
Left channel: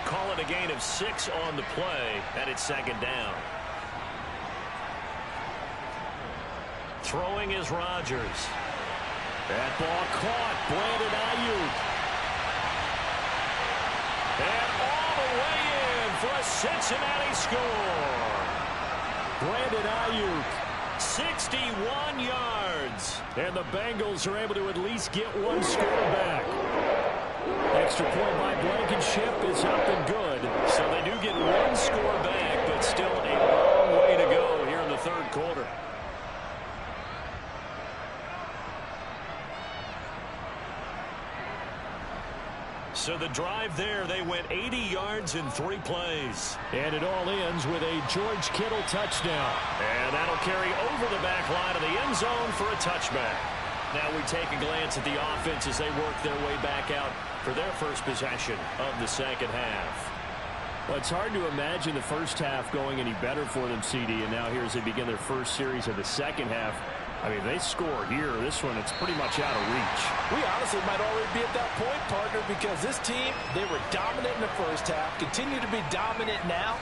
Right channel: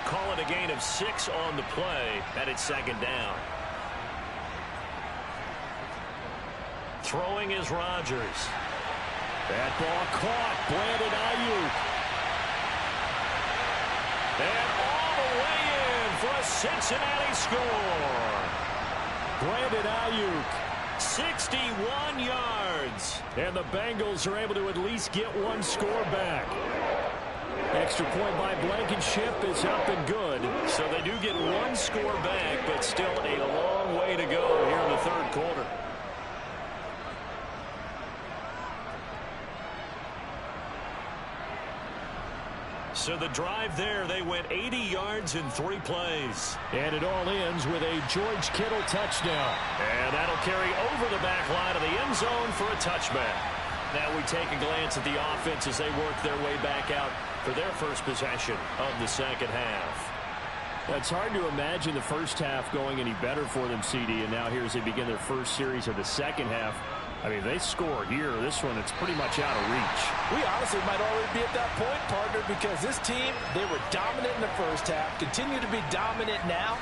Call it a gain of 6 on the play, and it's second down. Throwing is Rodgers. That ball caught. Brandon Ayuk. And all the way in for a Cincinnati score. Brandon Ayuk 61 yards. And the Bengals are able to at least get one score back. Extra point by Blankenship is up and good. So they do get one score back, but still a long way to go here in the third quarter. So the drive there, they went 80 yards in 3 plays. And it all ends with a George Kittle touchdown. And that'll carry over the back line of the end zone for a touchback. Now we take a glance at the offense as they work their way back out for their first possession of the second half. Well, it's hard to imagine the first half going any better for them, CD, and now here as they begin their first series of the second half. I mean, they score here. This one, it's pretty much out of reach. We honestly might already be at that point, partner, because this team, they were dominant in the first half, continue to be dominant now,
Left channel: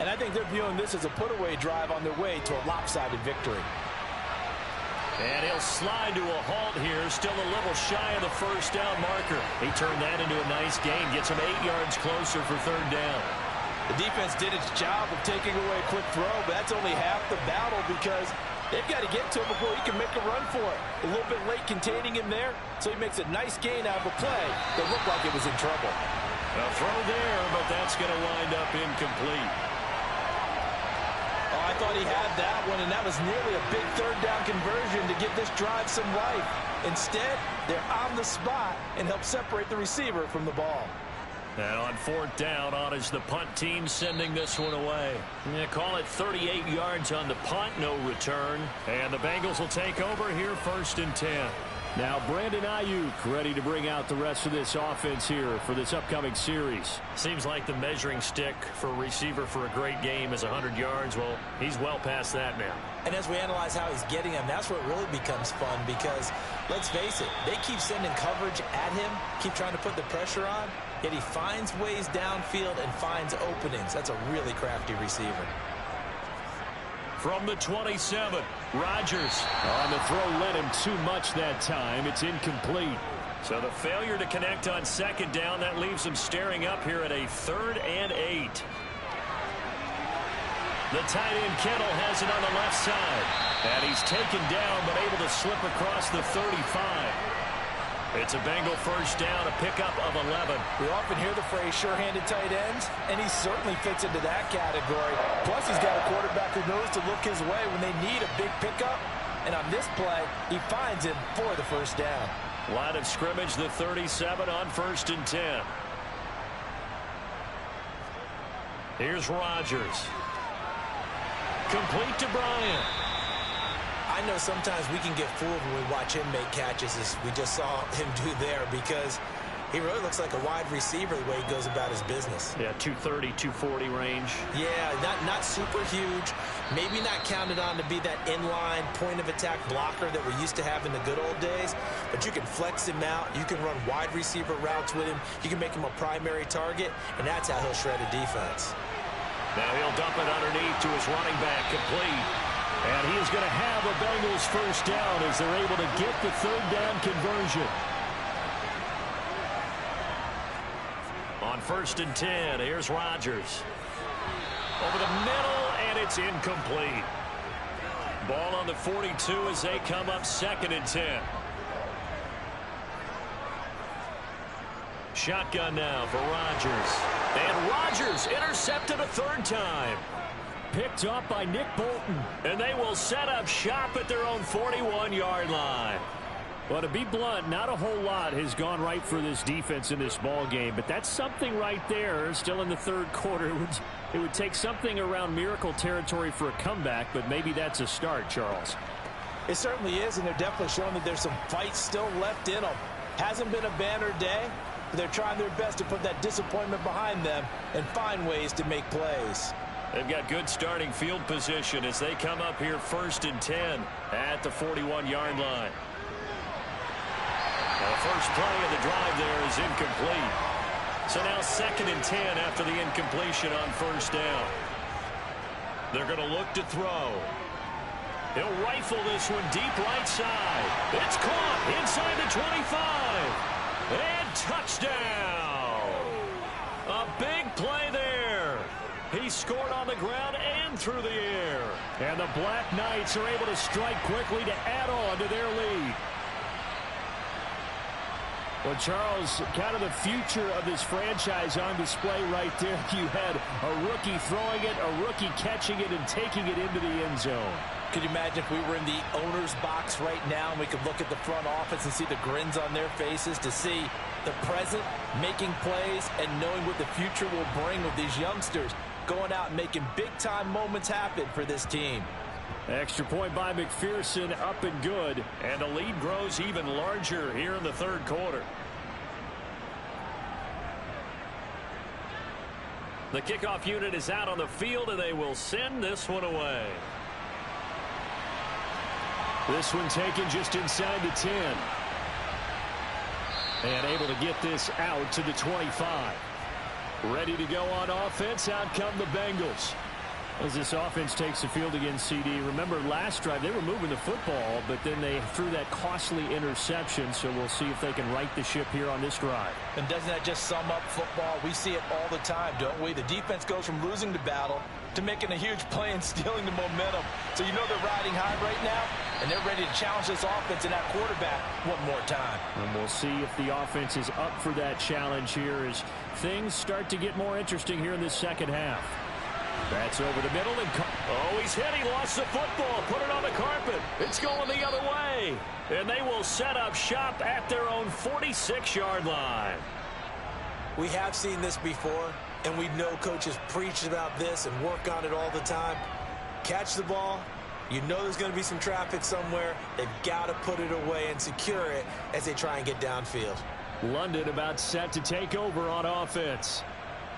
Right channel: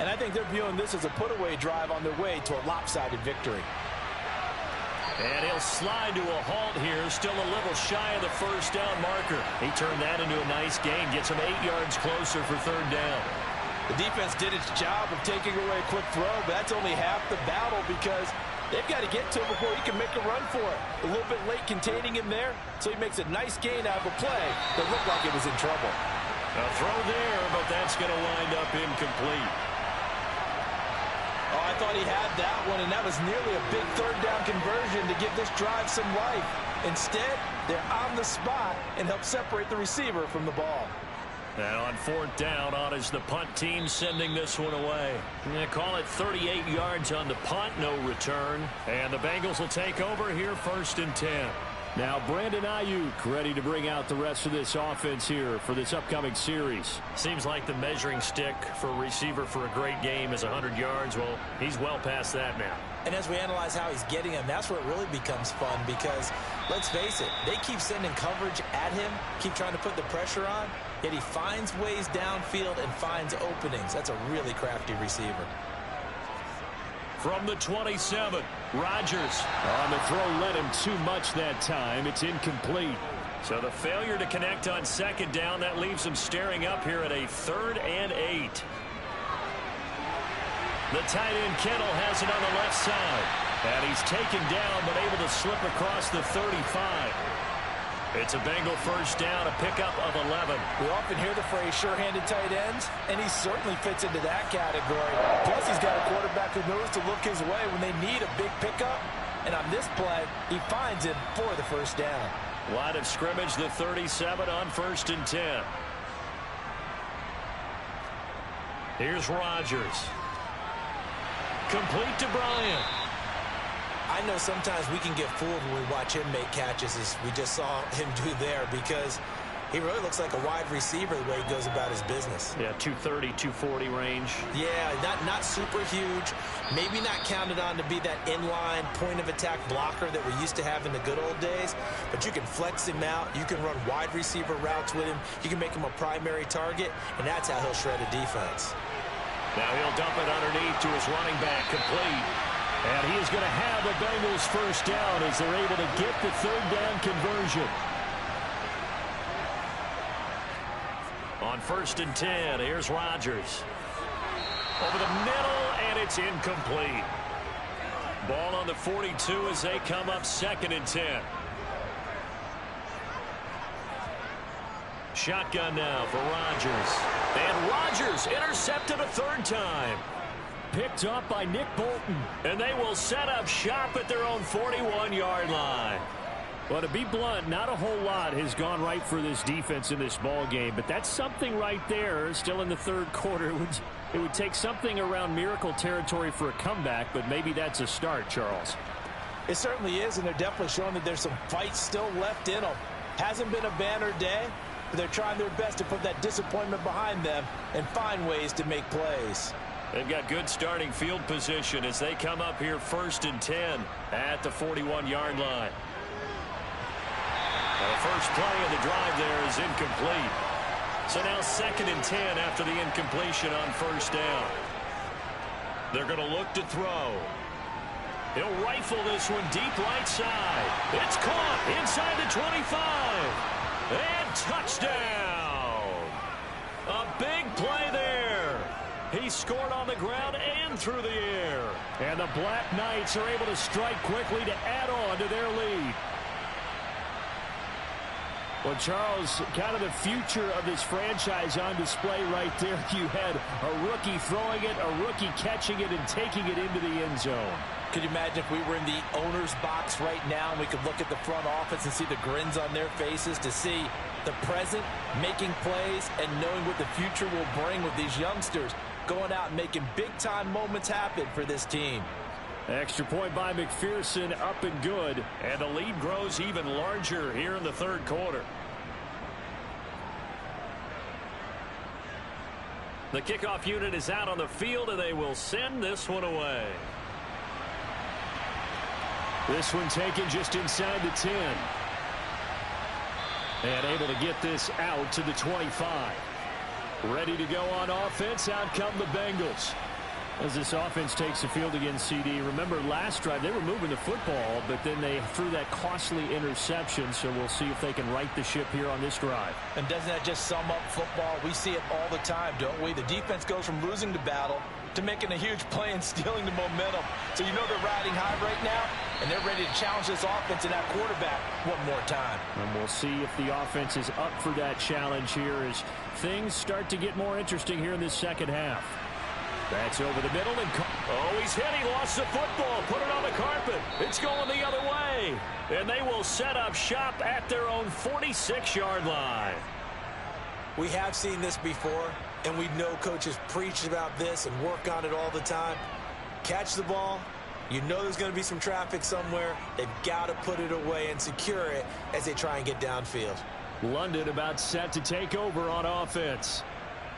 and I think they're viewing this as a put-away drive on their way to a lopsided victory. And he'll slide to a halt here, still a little shy of the first down marker. He turned that into a nice gain, gets him 8 yards closer for third down. The defense did its job of taking away a quick throw, but that's only half the battle because they've got to get to him before he can make a run for it. A little bit late containing him there, so he makes a nice gain out of a play that looked like it was in trouble. A throw there, but that's going to wind up incomplete. Oh, I thought he had that one, and that was nearly a big third down conversion to give this drive some life. Instead, they're on the spot and help separate the receiver from the ball. And on fourth down, on is the punt team sending this one away. Yeah, call it 38 yards on the punt, no return. And the Bengals will take over here first and 10. Now Brandon Ayuk ready to bring out the rest of this offense here for this upcoming series. Seems like the measuring stick for a receiver for a great game is 100 yards. Well, he's well past that now. And as we analyze how he's getting them, that's where it really becomes fun because, let's face it, they keep sending coverage at him, keep trying to put the pressure on, yet he finds ways downfield and finds openings. That's a really crafty receiver. From the 27, Rodgers. On the throw led him too much that time. It's incomplete. So the failure to connect on second down, that leaves him staring up here at a 3rd and 8. The tight end Kittle has it on the left side. And he's taken down but able to slip across the 35. It's a Bengal first down, a pickup of 11. We often hear the phrase sure-handed tight ends, and he certainly fits into that category. Plus, he's got a quarterback who knows to look his way when they need a big pickup. And on this play, he finds him for the first down. Line of scrimmage, the 37 on 1st and 10. Here's Rodgers. Complete to Bryant. I know sometimes we can get fooled when we watch him make catches, as we just saw him do there, because he really looks like a wide receiver the way he goes about his business. Yeah, 230, 240 range. Yeah, not super huge. Maybe not counted on to be that inline point-of-attack blocker that we used to have in the good old days, but you can flex him out. You can run wide receiver routes with him. You can make him a primary target, and that's how he'll shred a defense. Now he'll dump it underneath to his running back, complete. And he is going to have the Bengals first down as they're able to get the third down conversion. On 1st and 10, here's Rodgers. Over the middle, and it's incomplete. Ball on the 42 as they come up 2nd and 10. Shotgun now for Rodgers. And Rodgers intercepted a 3rd time. Picked up by Nick Bolton. And they will set up shop at their own 41-yard line. Well, to be blunt, not a whole lot has gone right for this defense in this ball game, but that's something right there. Still in the third quarter, it would take something around miracle territory for a comeback, but maybe that's a start, Charles. It certainly is, and they're definitely showing that there's some fight still left in them. Hasn't been a banner day, but they're trying their best to put that disappointment behind them and find ways to make plays. They've got good starting field position as they come up here 1st and 10 at the 41-yard line. Now the first play of the drive there is incomplete. So now 2nd and 10 after the incompletion on 1st down. They're going to look to throw. He'll rifle this one deep right side. It's caught inside the 25. And touchdown. A big play there. He scored on the ground and through the air. And the Black Knights are able to strike quickly to add on to their lead. Well, Charles, kind of the future of this franchise on display right there. You had a rookie throwing it, a rookie catching it, and taking it into the end zone. Could you imagine if we were in the owner's box right now and we could look at the front office and see the grins on their faces, to see the present making plays and knowing what the future will bring with these youngsters going out and making big-time moments happen for this team. Extra point by McPherson, up and good. And the lead grows even larger here in the third quarter. The kickoff unit is out on the field, and they will send this one away. This one taken just inside the 10. And able to get this out to the 25. Ready to go on offense. Out come the Bengals. As this offense takes the field against CD, remember last drive they were moving the football, but then they threw that costly interception, so we'll see if they can right the ship here on this drive. And doesn't that just sum up football? We see it all the time, don't we? The defense goes from losing the battle to making a huge play and stealing the momentum. So you know they're riding high right now, and they're ready to challenge this offense and that quarterback one more time. And we'll see if the offense is up for that challenge here as things start to get more interesting here in this second half. That's over the middle. And oh, he's hit. He lost the football. Put it on the carpet. It's going the other way. And they will set up shop at their own 46-yard line. We have seen this before, and we know coaches preach about this and work on it all the time. Catch the ball. You know there's going to be some traffic somewhere. They've got to put it away and secure it as they try and get downfield. London about set to take over on offense.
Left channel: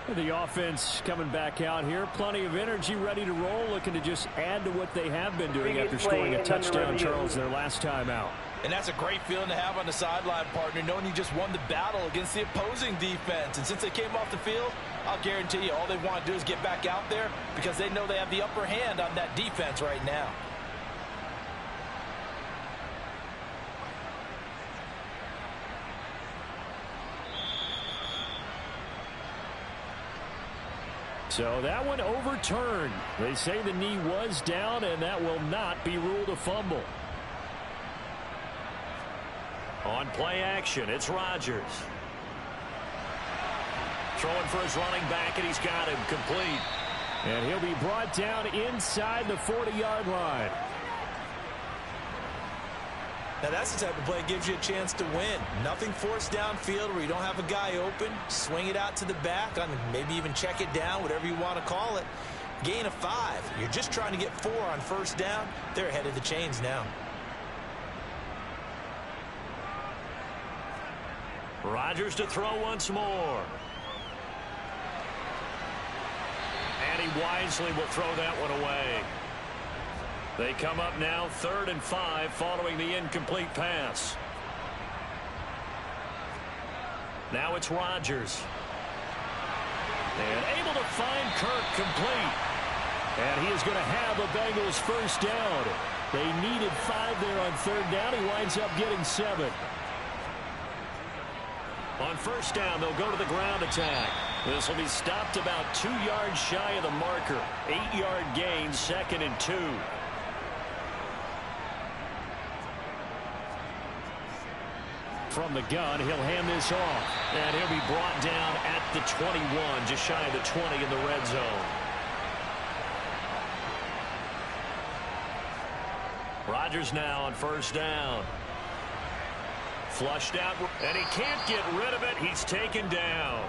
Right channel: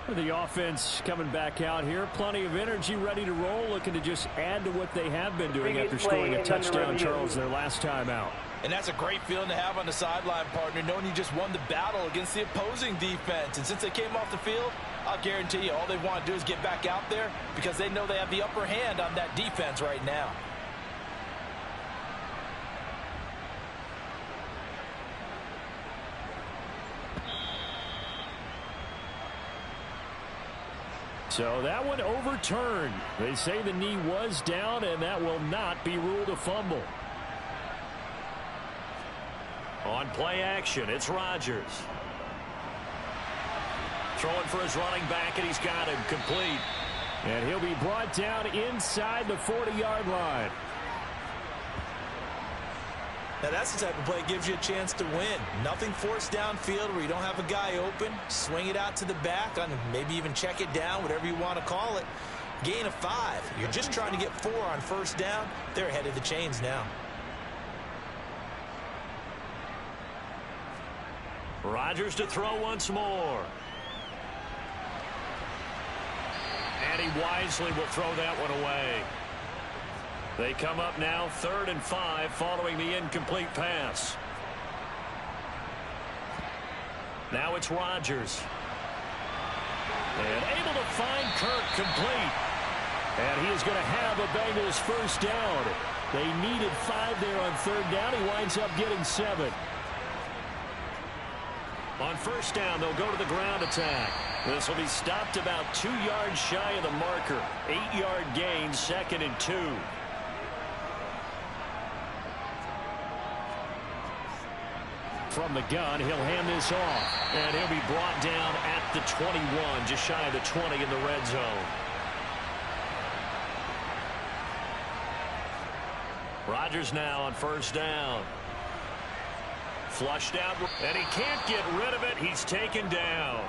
The offense coming back out here. Plenty of energy, ready to roll, looking to just add to what they have been doing after scoring a touchdown, Charles, their last time out. And that's a great feeling to have on the sideline, partner, knowing you just won the battle against the opposing defense. And since they came off the field, I'll guarantee you all they want to do is get back out there because they know they have the upper hand on that defense right now. So that one overturned. They say the knee was down, and that will not be ruled a fumble. On play action, it's Rodgers. Throwing for his running back, and he's got him complete. And he'll be brought down inside the 40-yard line. Now that's the type of play that gives you a chance to win. Nothing forced downfield where you don't have a guy open. Swing it out to the back, on maybe even check it down, whatever you want to call it. Gain of 5. You're just trying to get 4 on first down. They're ahead of the chains now. Rodgers to throw once more. And he wisely will throw that one away. They come up now 3rd and 5 following the incomplete pass. Now it's Rodgers. And able to find Kirk complete. And he is going to have a Bengals first down. They needed 5 there on 3rd down. He winds up getting 7. On first down, they'll go to the ground attack. This will be stopped about 2 yards shy of the marker. 8-yard gain, 2nd and 2. From the gun, he'll hand this off. And he'll be brought down at the 21, just shy of the 20 in the red zone. Rodgers now on first down. Flushed out, and he can't get rid of it. He's taken down.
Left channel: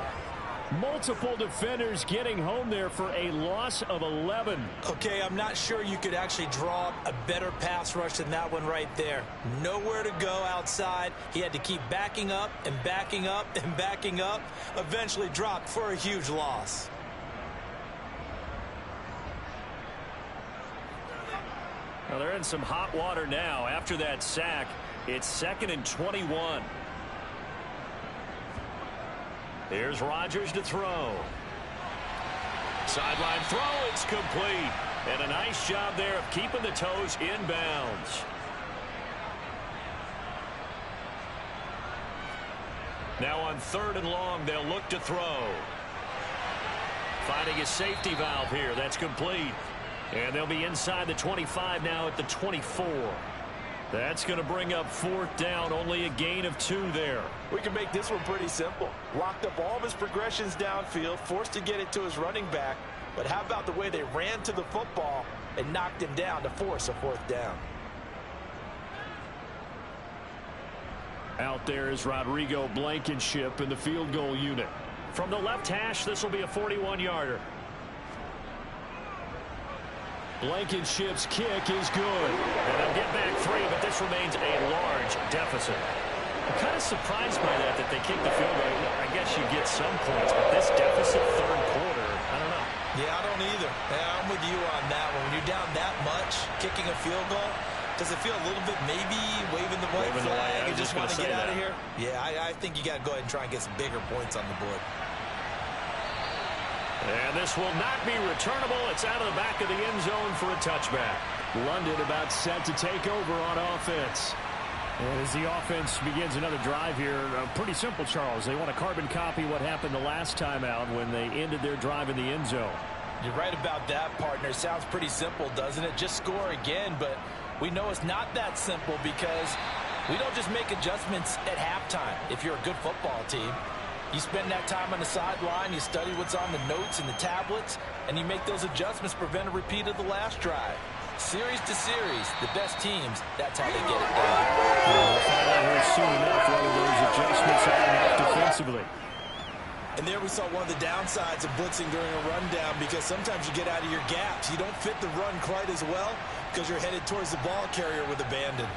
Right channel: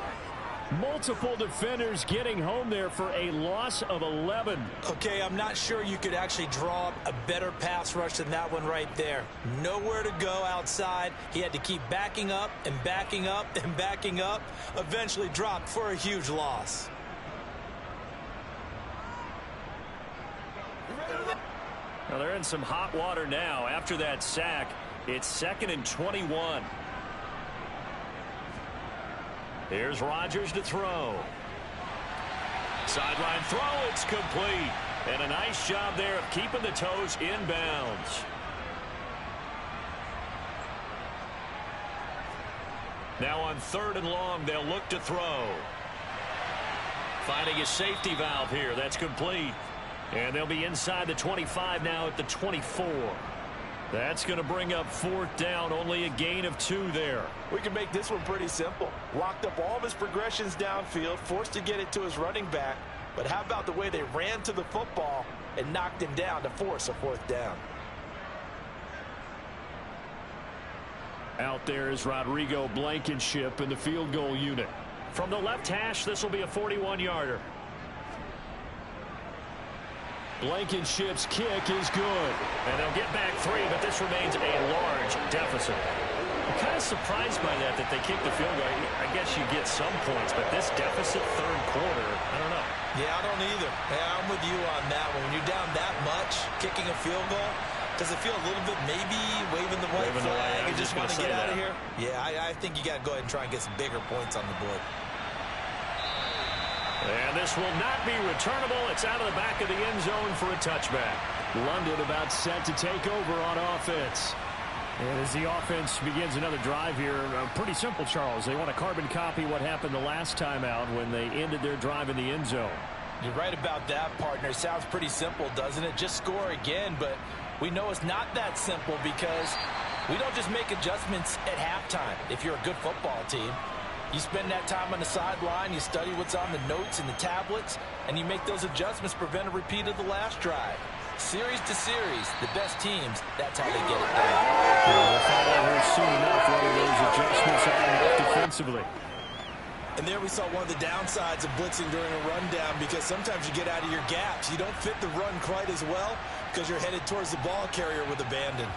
Multiple defenders getting home there for a loss of 11. Okay, I'm not sure you could actually draw up a better pass rush than that one right there. Nowhere to go outside. He had to keep backing up and backing up and backing up. Eventually dropped for a huge loss. Well, they're in some hot water now after that sack. It's 2nd and 21. Here's Rodgers to throw. Sideline throw, it's complete. And a nice job there of keeping the toes inbounds. Now on 3rd and long, they'll look to throw. Finding a safety valve here. That's complete. And they'll be inside the 25 now at the 24. That's going to bring up 4th down. Only a gain of 2 there. We can make this one pretty simple. Locked up all of his progressions downfield, forced to get it to his running back. But how about the way they ran to the football and knocked him down to force a 4th down? Out there is Rodrigo Blankenship in the field goal unit. From the left hash, this will be a 41-yarder. Blankenship's kick is good. And they'll get back 3, but this remains a large deficit. I'm kind of surprised by that they kicked the field goal. I guess you get some points, but this deficit 3rd quarter, I don't know. Yeah, I don't either. Yeah, I'm with you on that one. When you're down that much, kicking a field goal, does it feel a little bit maybe waving the white flag and just want to get out of here? Yeah, I think you got to go ahead and try and get some bigger points on the board. And this will not be returnable. It's out of the back of the end zone for a touchback. London about set to take over on offense. And as the offense begins another drive here, pretty simple, Charles. They want to carbon copy what happened the last time out when they ended their drive in the end zone. You're right about that, partner. Sounds pretty simple, doesn't it? Just score again, but we know it's not that simple because we don't just make adjustments at halftime if you're a good football team. You spend that time on the sideline, you study what's on the notes and the tablets, and you make those adjustments, prevent a repeat of the last drive. Series to series, the best teams, that's how they get it done. We'll find out here soon enough whether those adjustments are enough defensively. And there we saw one of the downsides of blitzing during a rundown because sometimes you get out of your gaps. You don't fit the run quite as well because you're headed towards the ball carrier with abandon.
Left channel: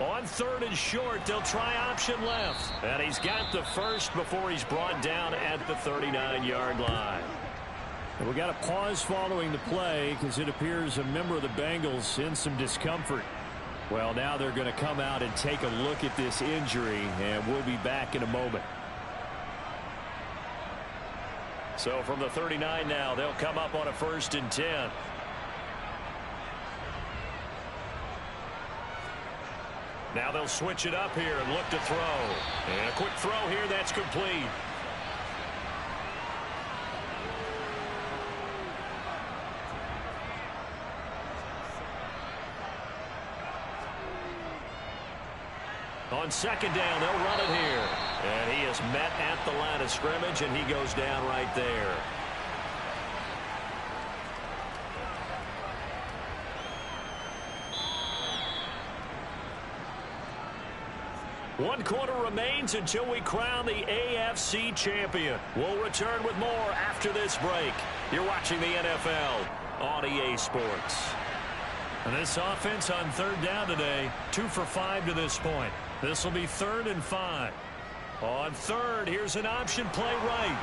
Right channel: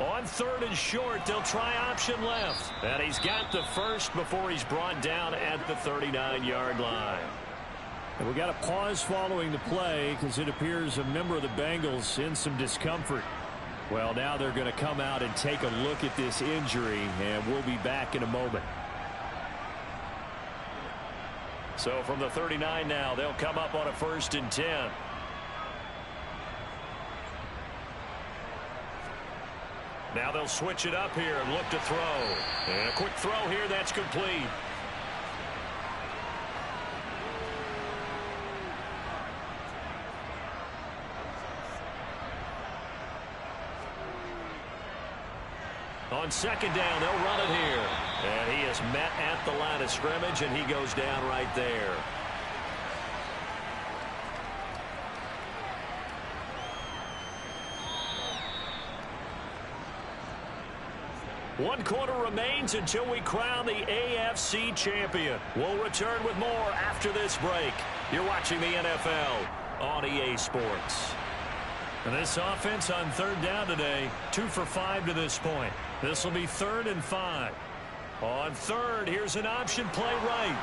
On 3rd and short, they'll try option left. And he's got the first before he's brought down at the 39-yard line. And we got a pause following the play because it appears a member of the Bengals in some discomfort. Well, now they're going to come out and take a look at this injury, and we'll be back in a moment. So from the 39 now, they'll come up on a 1st and 10. Now they'll switch it up here and look to throw. And a quick throw here, that's complete. On 2nd down, they'll run it here. And he is met at the line of scrimmage, and he goes down right there. One quarter remains until we crown the AFC champion. We'll return with more after this break. You're watching the NFL on EA Sports. And this offense on 3rd down today, 2 for 5 to this point. This will be 3rd and 5. On 3rd, here's an option play right.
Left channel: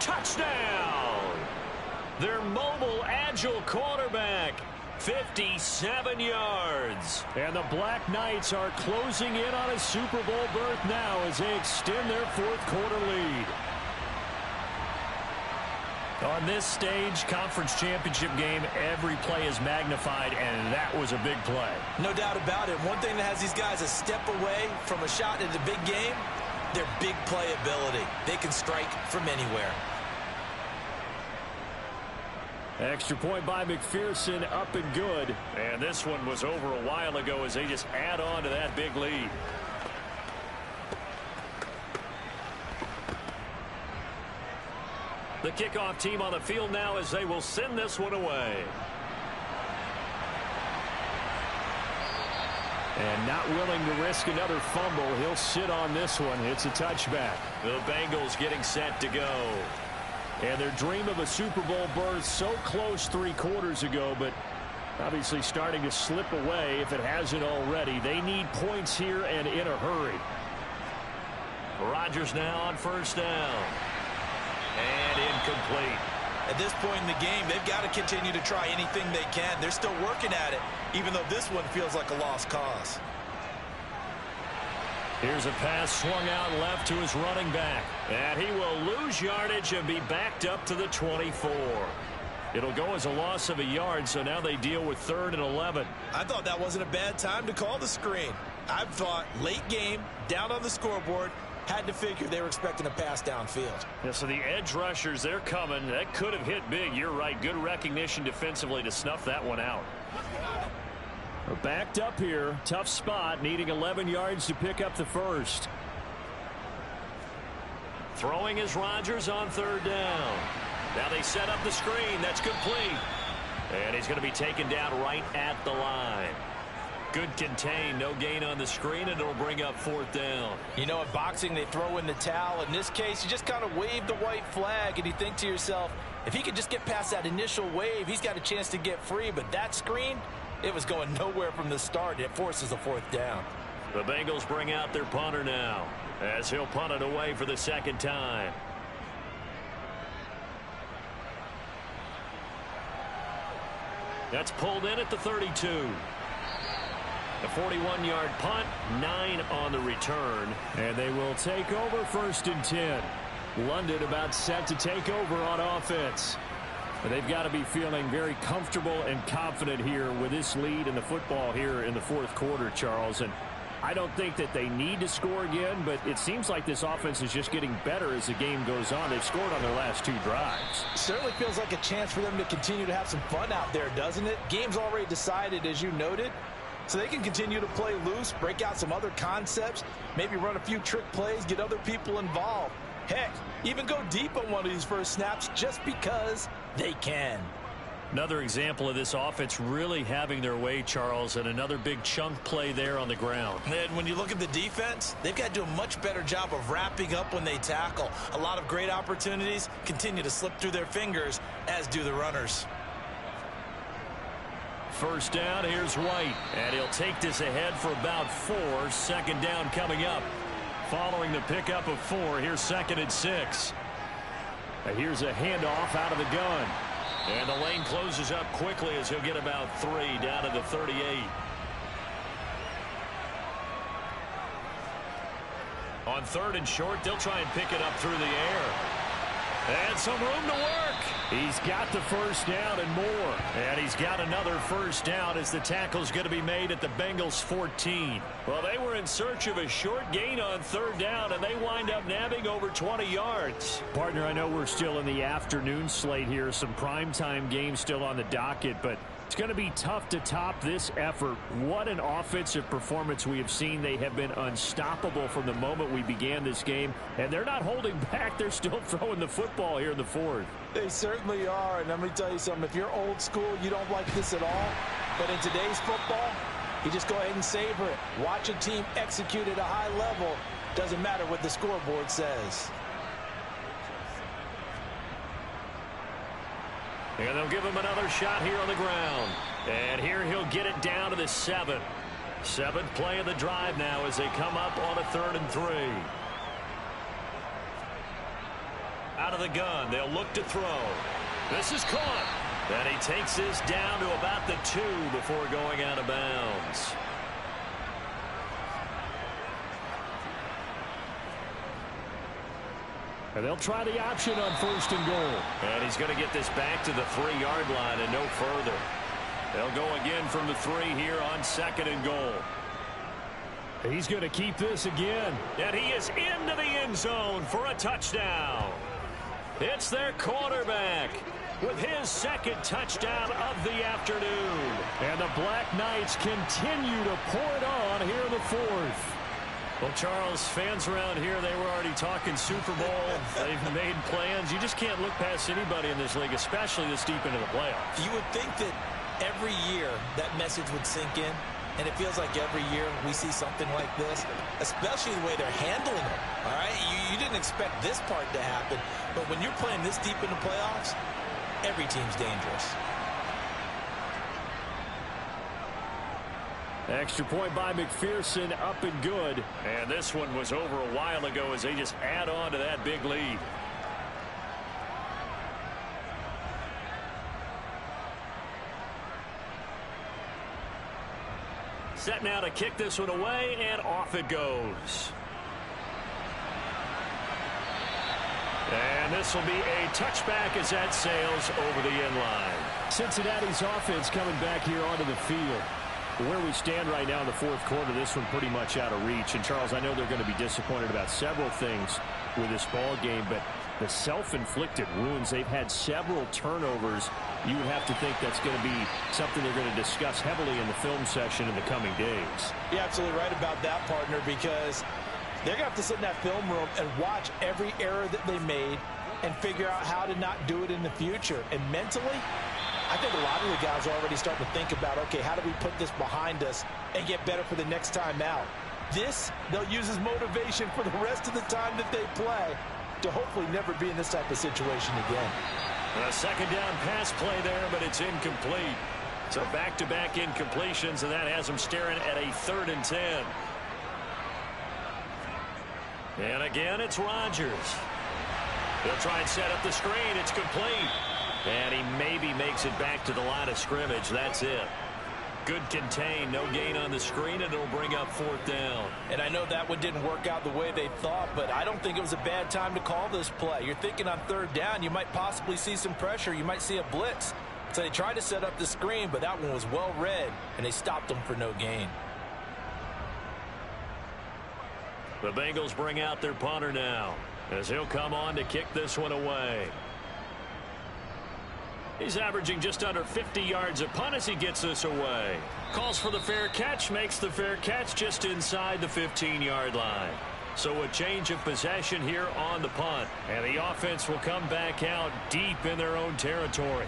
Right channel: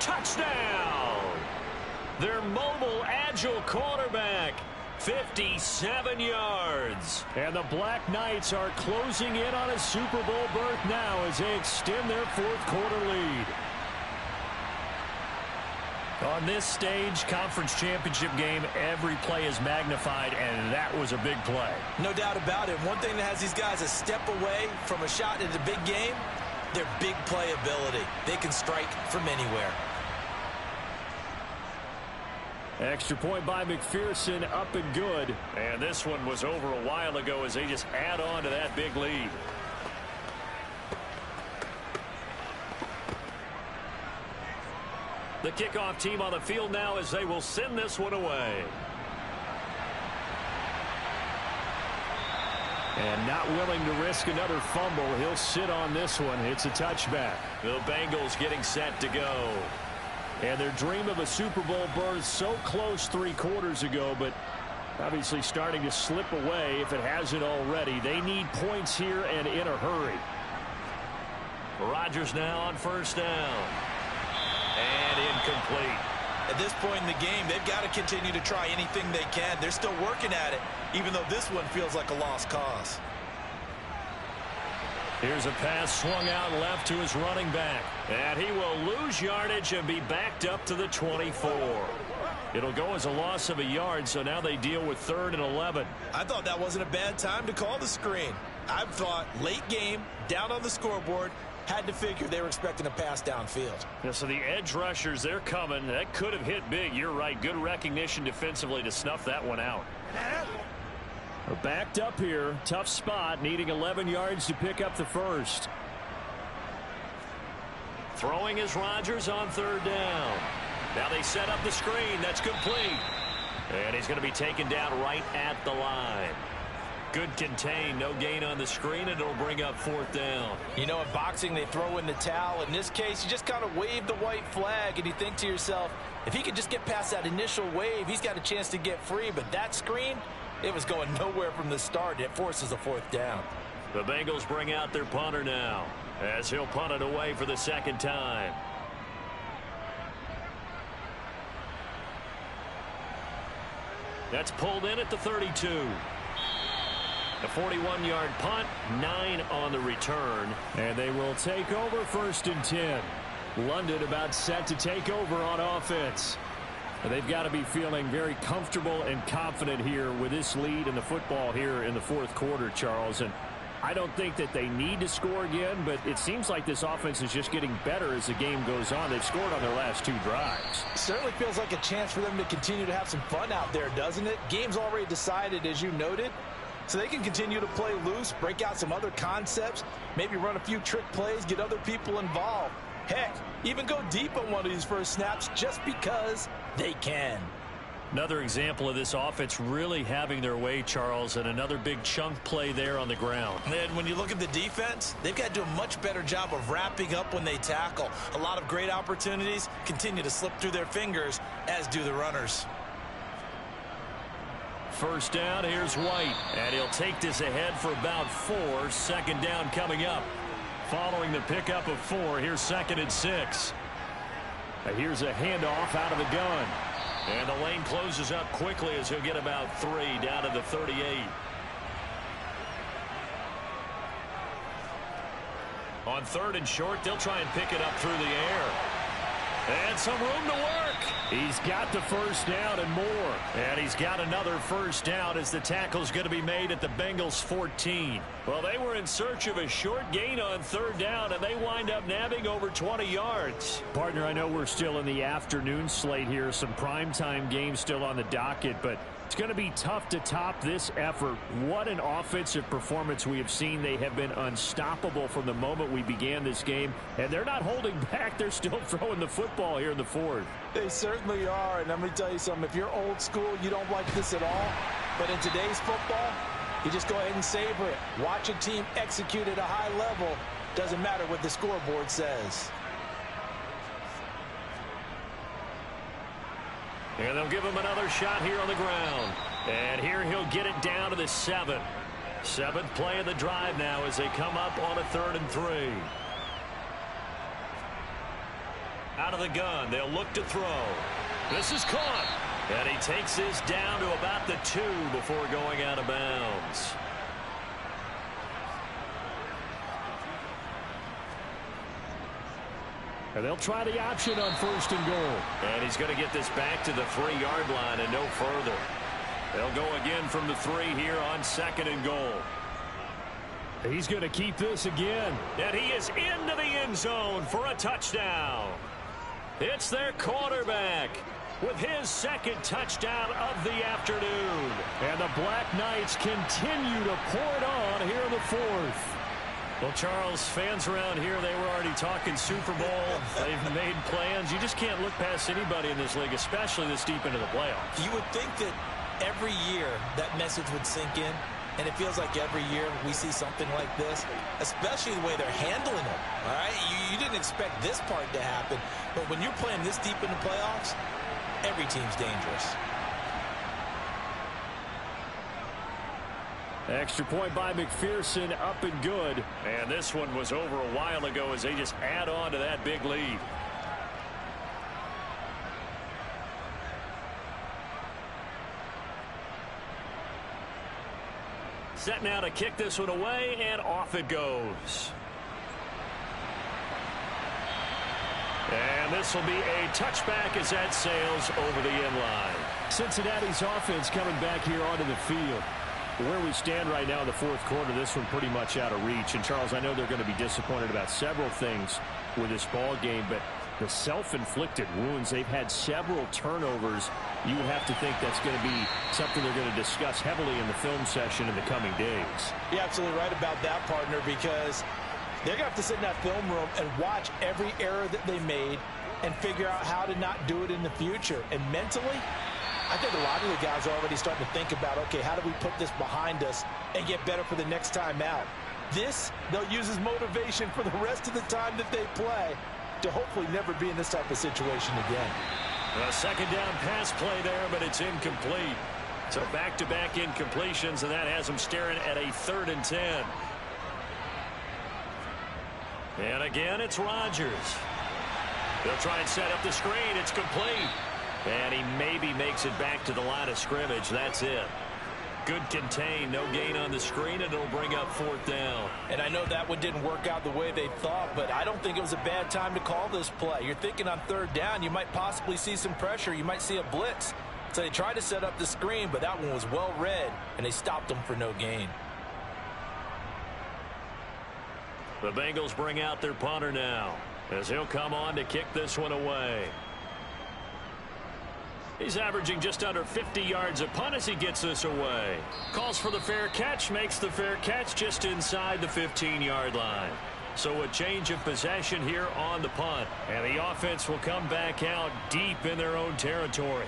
Touchdown! Their mobile, agile quarterback. 57 yards. And the Black Knights are closing in on a Super Bowl berth now as they extend their 4th quarter lead. On this stage, conference championship game, every play is magnified, and that was a big play. No doubt about it. One thing that has these guys a step away from a shot at a big game, their big play ability. They can strike from anywhere. Extra point by McPherson, up and good. And this one was over a while ago as they just add on to that big lead. The kickoff team on the field now as they will send this one away. And not willing to risk another fumble, he'll sit on this one. It's a touchback. The Bengals getting set to go. And their dream of a Super Bowl berth so close 3 quarters ago, but obviously starting to slip away if it hasn't already. They need points here and in a hurry. Rodgers now on 1st down. And incomplete. At this point in the game, they've got to continue to try anything they can. They're still working at it, even though this one feels like a lost cause. Here's a pass swung out left to his running back. And he will lose yardage and be backed up to the 24. It'll go as a loss of a yard, so now they deal with 3rd and 11. I thought that wasn't a bad time to call the screen. I've thought late game, down on the scoreboard, had to figure they were expecting a pass downfield. Yeah, so the edge rushers, they're coming. That could have hit big. You're right. Good recognition defensively to snuff that one out. We're backed up here. Tough spot, needing 11 yards to pick up the first. Throwing is Rodgers on third down. Now they set up the screen. That's complete. And he's going to be taken down right at the line. Good contain, no gain on the screen, and it'll bring up fourth down. You know, in boxing, they throw in the towel. In this case, you just kind of wave the white flag, and you think to yourself, if he could just get past that initial wave, he's got a chance to get free. But that screen, it was going nowhere from the start. It forces a fourth down. The Bengals bring out their punter now, as he'll punt it away for the second time. That's pulled in at the 32. The 41-yard punt, 9 on the return. And they will take over first and 10. London about set to take over on offense. They've got to be feeling very comfortable and confident here with this lead in the football here in the fourth quarter, Charles. And I don't think that they need to score again, but it seems like this offense is just getting better as the game goes on. They've scored on their last 2 drives. Certainly feels like a chance for them to continue to have some fun out there, doesn't it? Game's already decided, as you noted. So they can continue to play loose, break out some other concepts, maybe run a few trick plays, get other people involved. Heck, even go deep on one of these first snaps just because they can. Another example of this offense really having their way, Charles, and another big chunk play there on the ground. And when you look at the defense, they've got to do a much better job of wrapping up when they tackle. A lot of great opportunities continue to slip through their fingers, as do the runners. First down, here's White, and he'll take this ahead for about 4. Second down coming up. Following the pickup of 4, here's 2nd and 6. Here's a handoff out of the gun. And the lane closes up quickly as he'll get about 3 down to the 38. On 3rd and short, they'll try and pick it up through the air. And some room to work. He's got the first down and more. And he's got another first down as the tackle's going to be made at the Bengals 14. Well, they were in search of a short gain on 3rd down, and they wind up nabbing over 20 yards. Partner, I know we're still in the afternoon slate here. Some primetime games still on the docket, but it's going to be tough to top this effort. What an offensive performance we have seen. They have been unstoppable from the moment we began this game, and they're not holding back. They're still throwing the football here in the 4th. They certainly are, and let me tell you something. If you're old school, you don't like this at all. But in today's football, you just go ahead and savor it. Watch a team execute at a high level. Doesn't matter what the scoreboard says. And they'll give him another shot here on the ground. And here he'll get it down to the 7. 7th play of the drive now as they come up on a 3rd and 3. Out of the gun, they'll look to throw. This is caught. And he takes this down to about the 2 before going out of bounds. And they'll try the option on 1st and goal. And he's going to get this back to the 3-yard line and no further. They'll go again from the 3 here on 2nd and goal. He's going to keep this again. And he is into the end zone for a touchdown. It's their quarterback with his 2nd touchdown of the afternoon. And the Black Knights continue to pour it on here in the 4th. Well, Charles, fans around here, they were already talking Super Bowl. They've made plans. You just can't look past anybody in this league, especially this deep into the playoffs. You would think that every year that message would sink in, and it feels like every year we see something like this, especially the way they're handling it. All right, you didn't expect this part to happen, but when you're playing this deep into playoffs, every team's dangerous. Extra point by McPherson, up and good. And this one was over a while ago as they just add on to that big lead. Set now to kick this one away, and off it goes. And this will be a touchback as that sails over the end line. Cincinnati's offense coming back here onto the field. Where we stand right now in the fourth quarter, this one pretty much out of reach. And, Charles, I know they're going to be disappointed about several things with this ball game, but the self-inflicted wounds, they've had several turnovers. You would have to think that's going to be something they're going to discuss heavily in the film session in the coming days. You're absolutely right about that, partner, because they're going to have to sit in that film room and watch every error that they made and figure out how to not do it in the future. And mentally, I think a lot of the guys are already starting to think about, okay, how do we put this behind us and get better for the next time out? This, they'll use as motivation for the rest of the time that they play to hopefully never be in this type of situation again. A second down pass play there, but it's incomplete. So back-to-back incompletions, and that has them staring at a 3rd and 10. And again, it's Rodgers. They'll try and set up the screen. It's complete. And he maybe makes it back to the line of scrimmage. That's it. Good contain. No gain on the screen, and it'll bring up 4th down. And I know that one didn't work out the way they thought, but I don't think it was a bad time to call this play. You're thinking on 3rd down, you might possibly see some pressure. You might see a blitz. So they tried to set up the screen, but that one was well read, and they stopped them for no gain. The Bengals bring out their punter now, as he'll come on to kick this one away. He's averaging just under 50 yards a punt as he gets this away. Calls for the fair catch, makes the fair catch just inside the 15-yard line. So a change of possession here on the punt. And the offense will come back out deep in their own territory.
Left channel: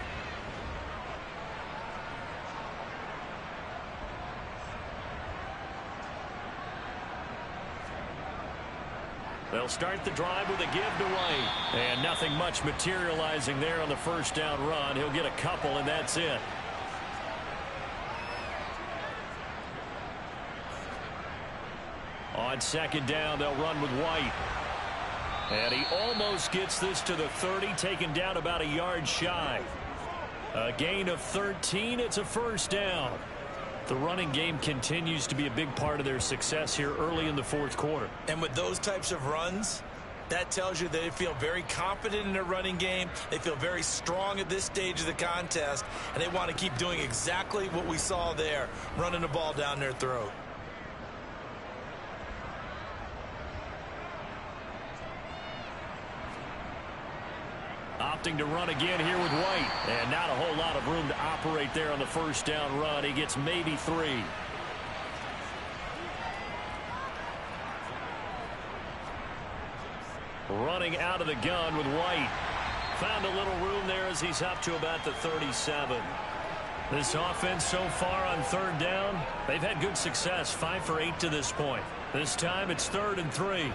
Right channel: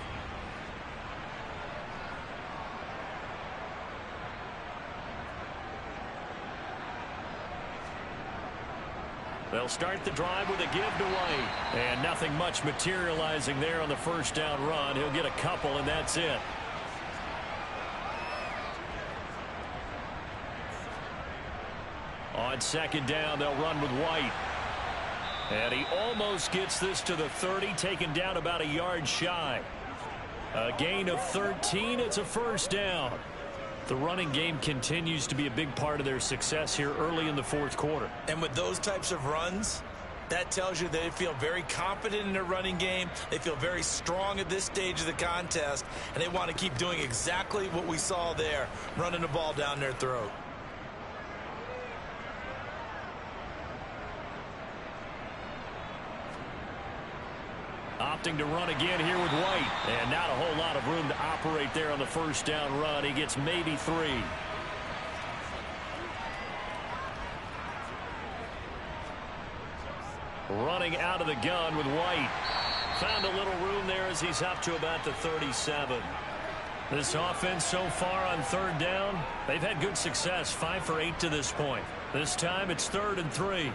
They'll start the drive with a give to White. And nothing much materializing there on the first down run. He'll get a couple, and that's it. On second down, they'll run with White. And he almost gets this to the 30, taken down about a yard shy. A gain of 13. It's a first down. The running game continues to be a big part of their success here early in the fourth quarter. And with those types of runs, that tells you they feel very confident in their running game. They feel very strong at this stage of the contest, and they want to keep doing exactly what we saw there, running the ball down their throat. Opting to run again here with White. And not a whole lot of room to operate there on the first down run. He gets maybe 3. Running out of the gun with White. Found a little room there as he's up to about the 37. This offense so far on 3rd down, they've had good success. 5 for 8 to this point. This time it's 3rd and 3.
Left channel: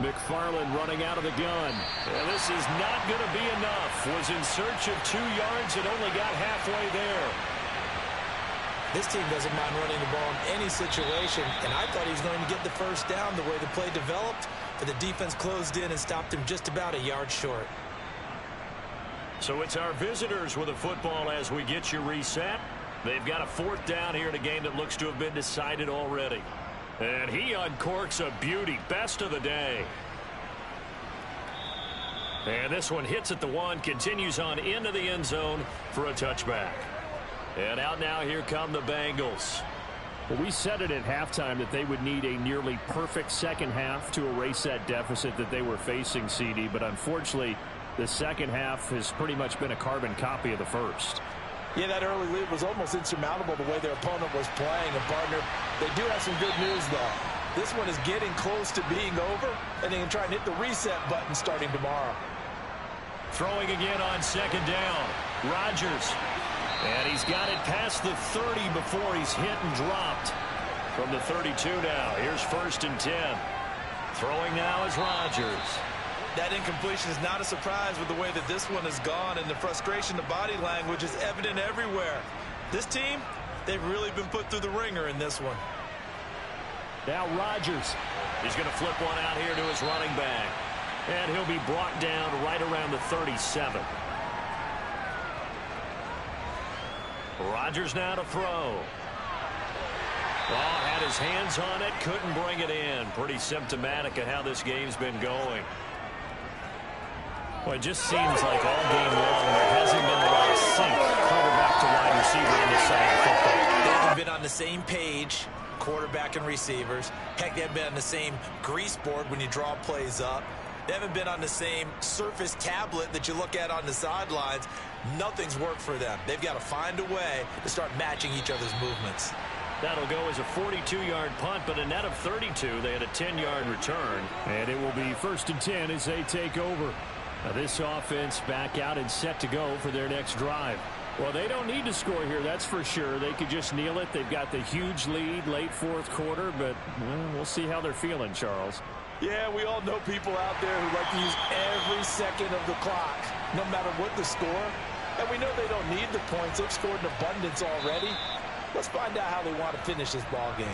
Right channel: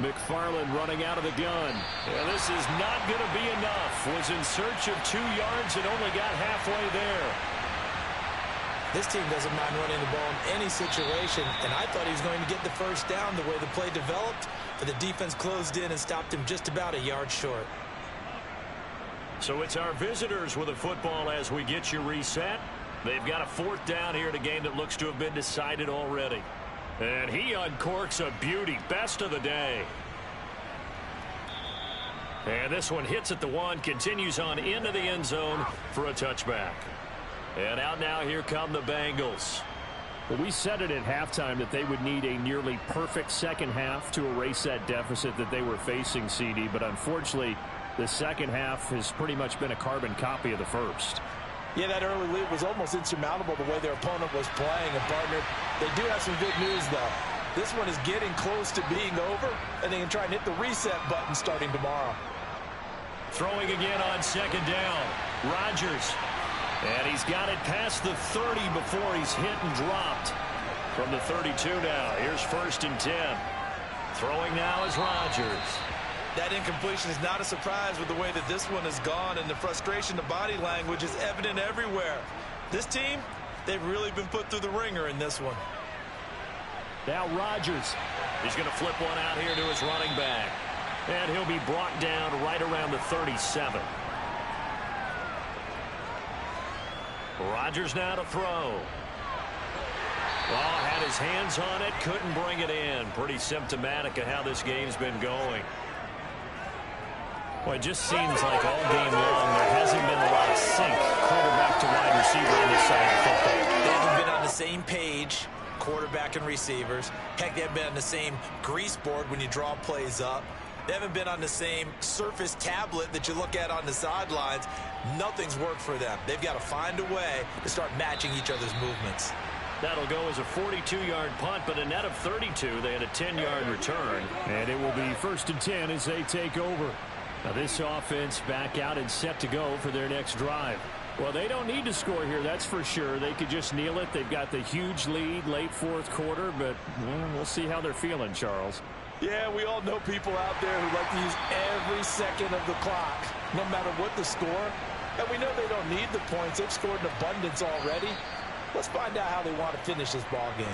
McFarland running out of the gun. And this is not going to be enough. Was in search of 2 yards and only got halfway there. This team doesn't mind running the ball in any situation, and I thought he was going to get the first down the way the play developed, but the defense closed in and stopped him just about a yard short. So it's our visitors with a football as we get you reset. They've got a 4th down here in a game that looks to have been decided already. And he uncorks a beauty. Best of the day. And this one hits at the 1, continues on into the end zone for a touchback. And out now, here come the Bengals. Well, we said it at halftime that they would need a nearly perfect second half to erase that deficit that they were facing, CD. But unfortunately, the second half has pretty much been a carbon copy of the first. Yeah, that early lead was almost insurmountable the way their opponent was playing. And, partner, they do have some good news, though. This one is getting close to being over, and they can try and hit the reset button starting tomorrow. Throwing again on second down. Rodgers. And he's got it past the 30 before he's hit and dropped. From the 32 now. Here's 1st and 10. Throwing now is Rodgers. That incompletion is not a surprise with the way that this one has gone, and the frustration, the body language is evident everywhere. This team, they've really been put through the ringer in this one. Now Rodgers. He's going to flip one out here to his running back. And he'll be brought down right around the 37. Rodgers now to throw. Oh, had his hands on it, couldn't bring it in. Pretty symptomatic of how this game's been going. Well, it just seems like all game long there hasn't been a lot of sync quarterback to wide receiver on this side of the football. They haven't been on the same page, quarterback and receivers. Heck, they haven't been on the same grease board when you draw plays up. They haven't been on the same surface tablet that you look at on the sidelines. Nothing's worked for them. They've got to find a way to start matching each other's movements. That'll go as a 42-yard punt, but a net of 32. They had a 10-yard return. And it will be 1st and 10 as they take over. Now this offense back out and set to go for their next drive. Well, they don't need to score here, that's for sure. They could just kneel it. They've got the huge lead late 4th quarter, but we'll see how they're feeling, Charles. Yeah, we all know people out there who like to use every second of the clock, no matter what the score. And we know they don't need the points. They've scored in abundance already. Let's find out how they want to finish this ball game.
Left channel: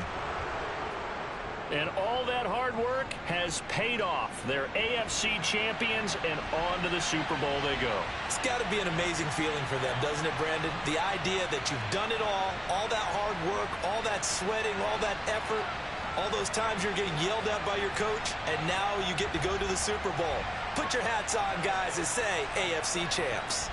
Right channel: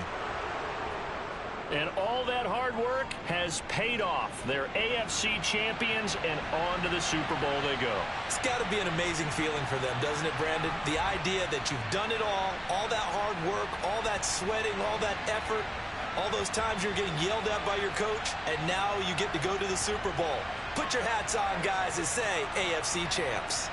And all that hard work has paid off. They're AFC champions, and on to the Super Bowl they go. It's got to be an amazing feeling for them, doesn't it, Brandon? The idea that you've done it all that hard work, all that sweating, all that effort, all those times you're getting yelled at by your coach, and now you get to go to the Super Bowl. Put your hats on, guys, and say AFC champs.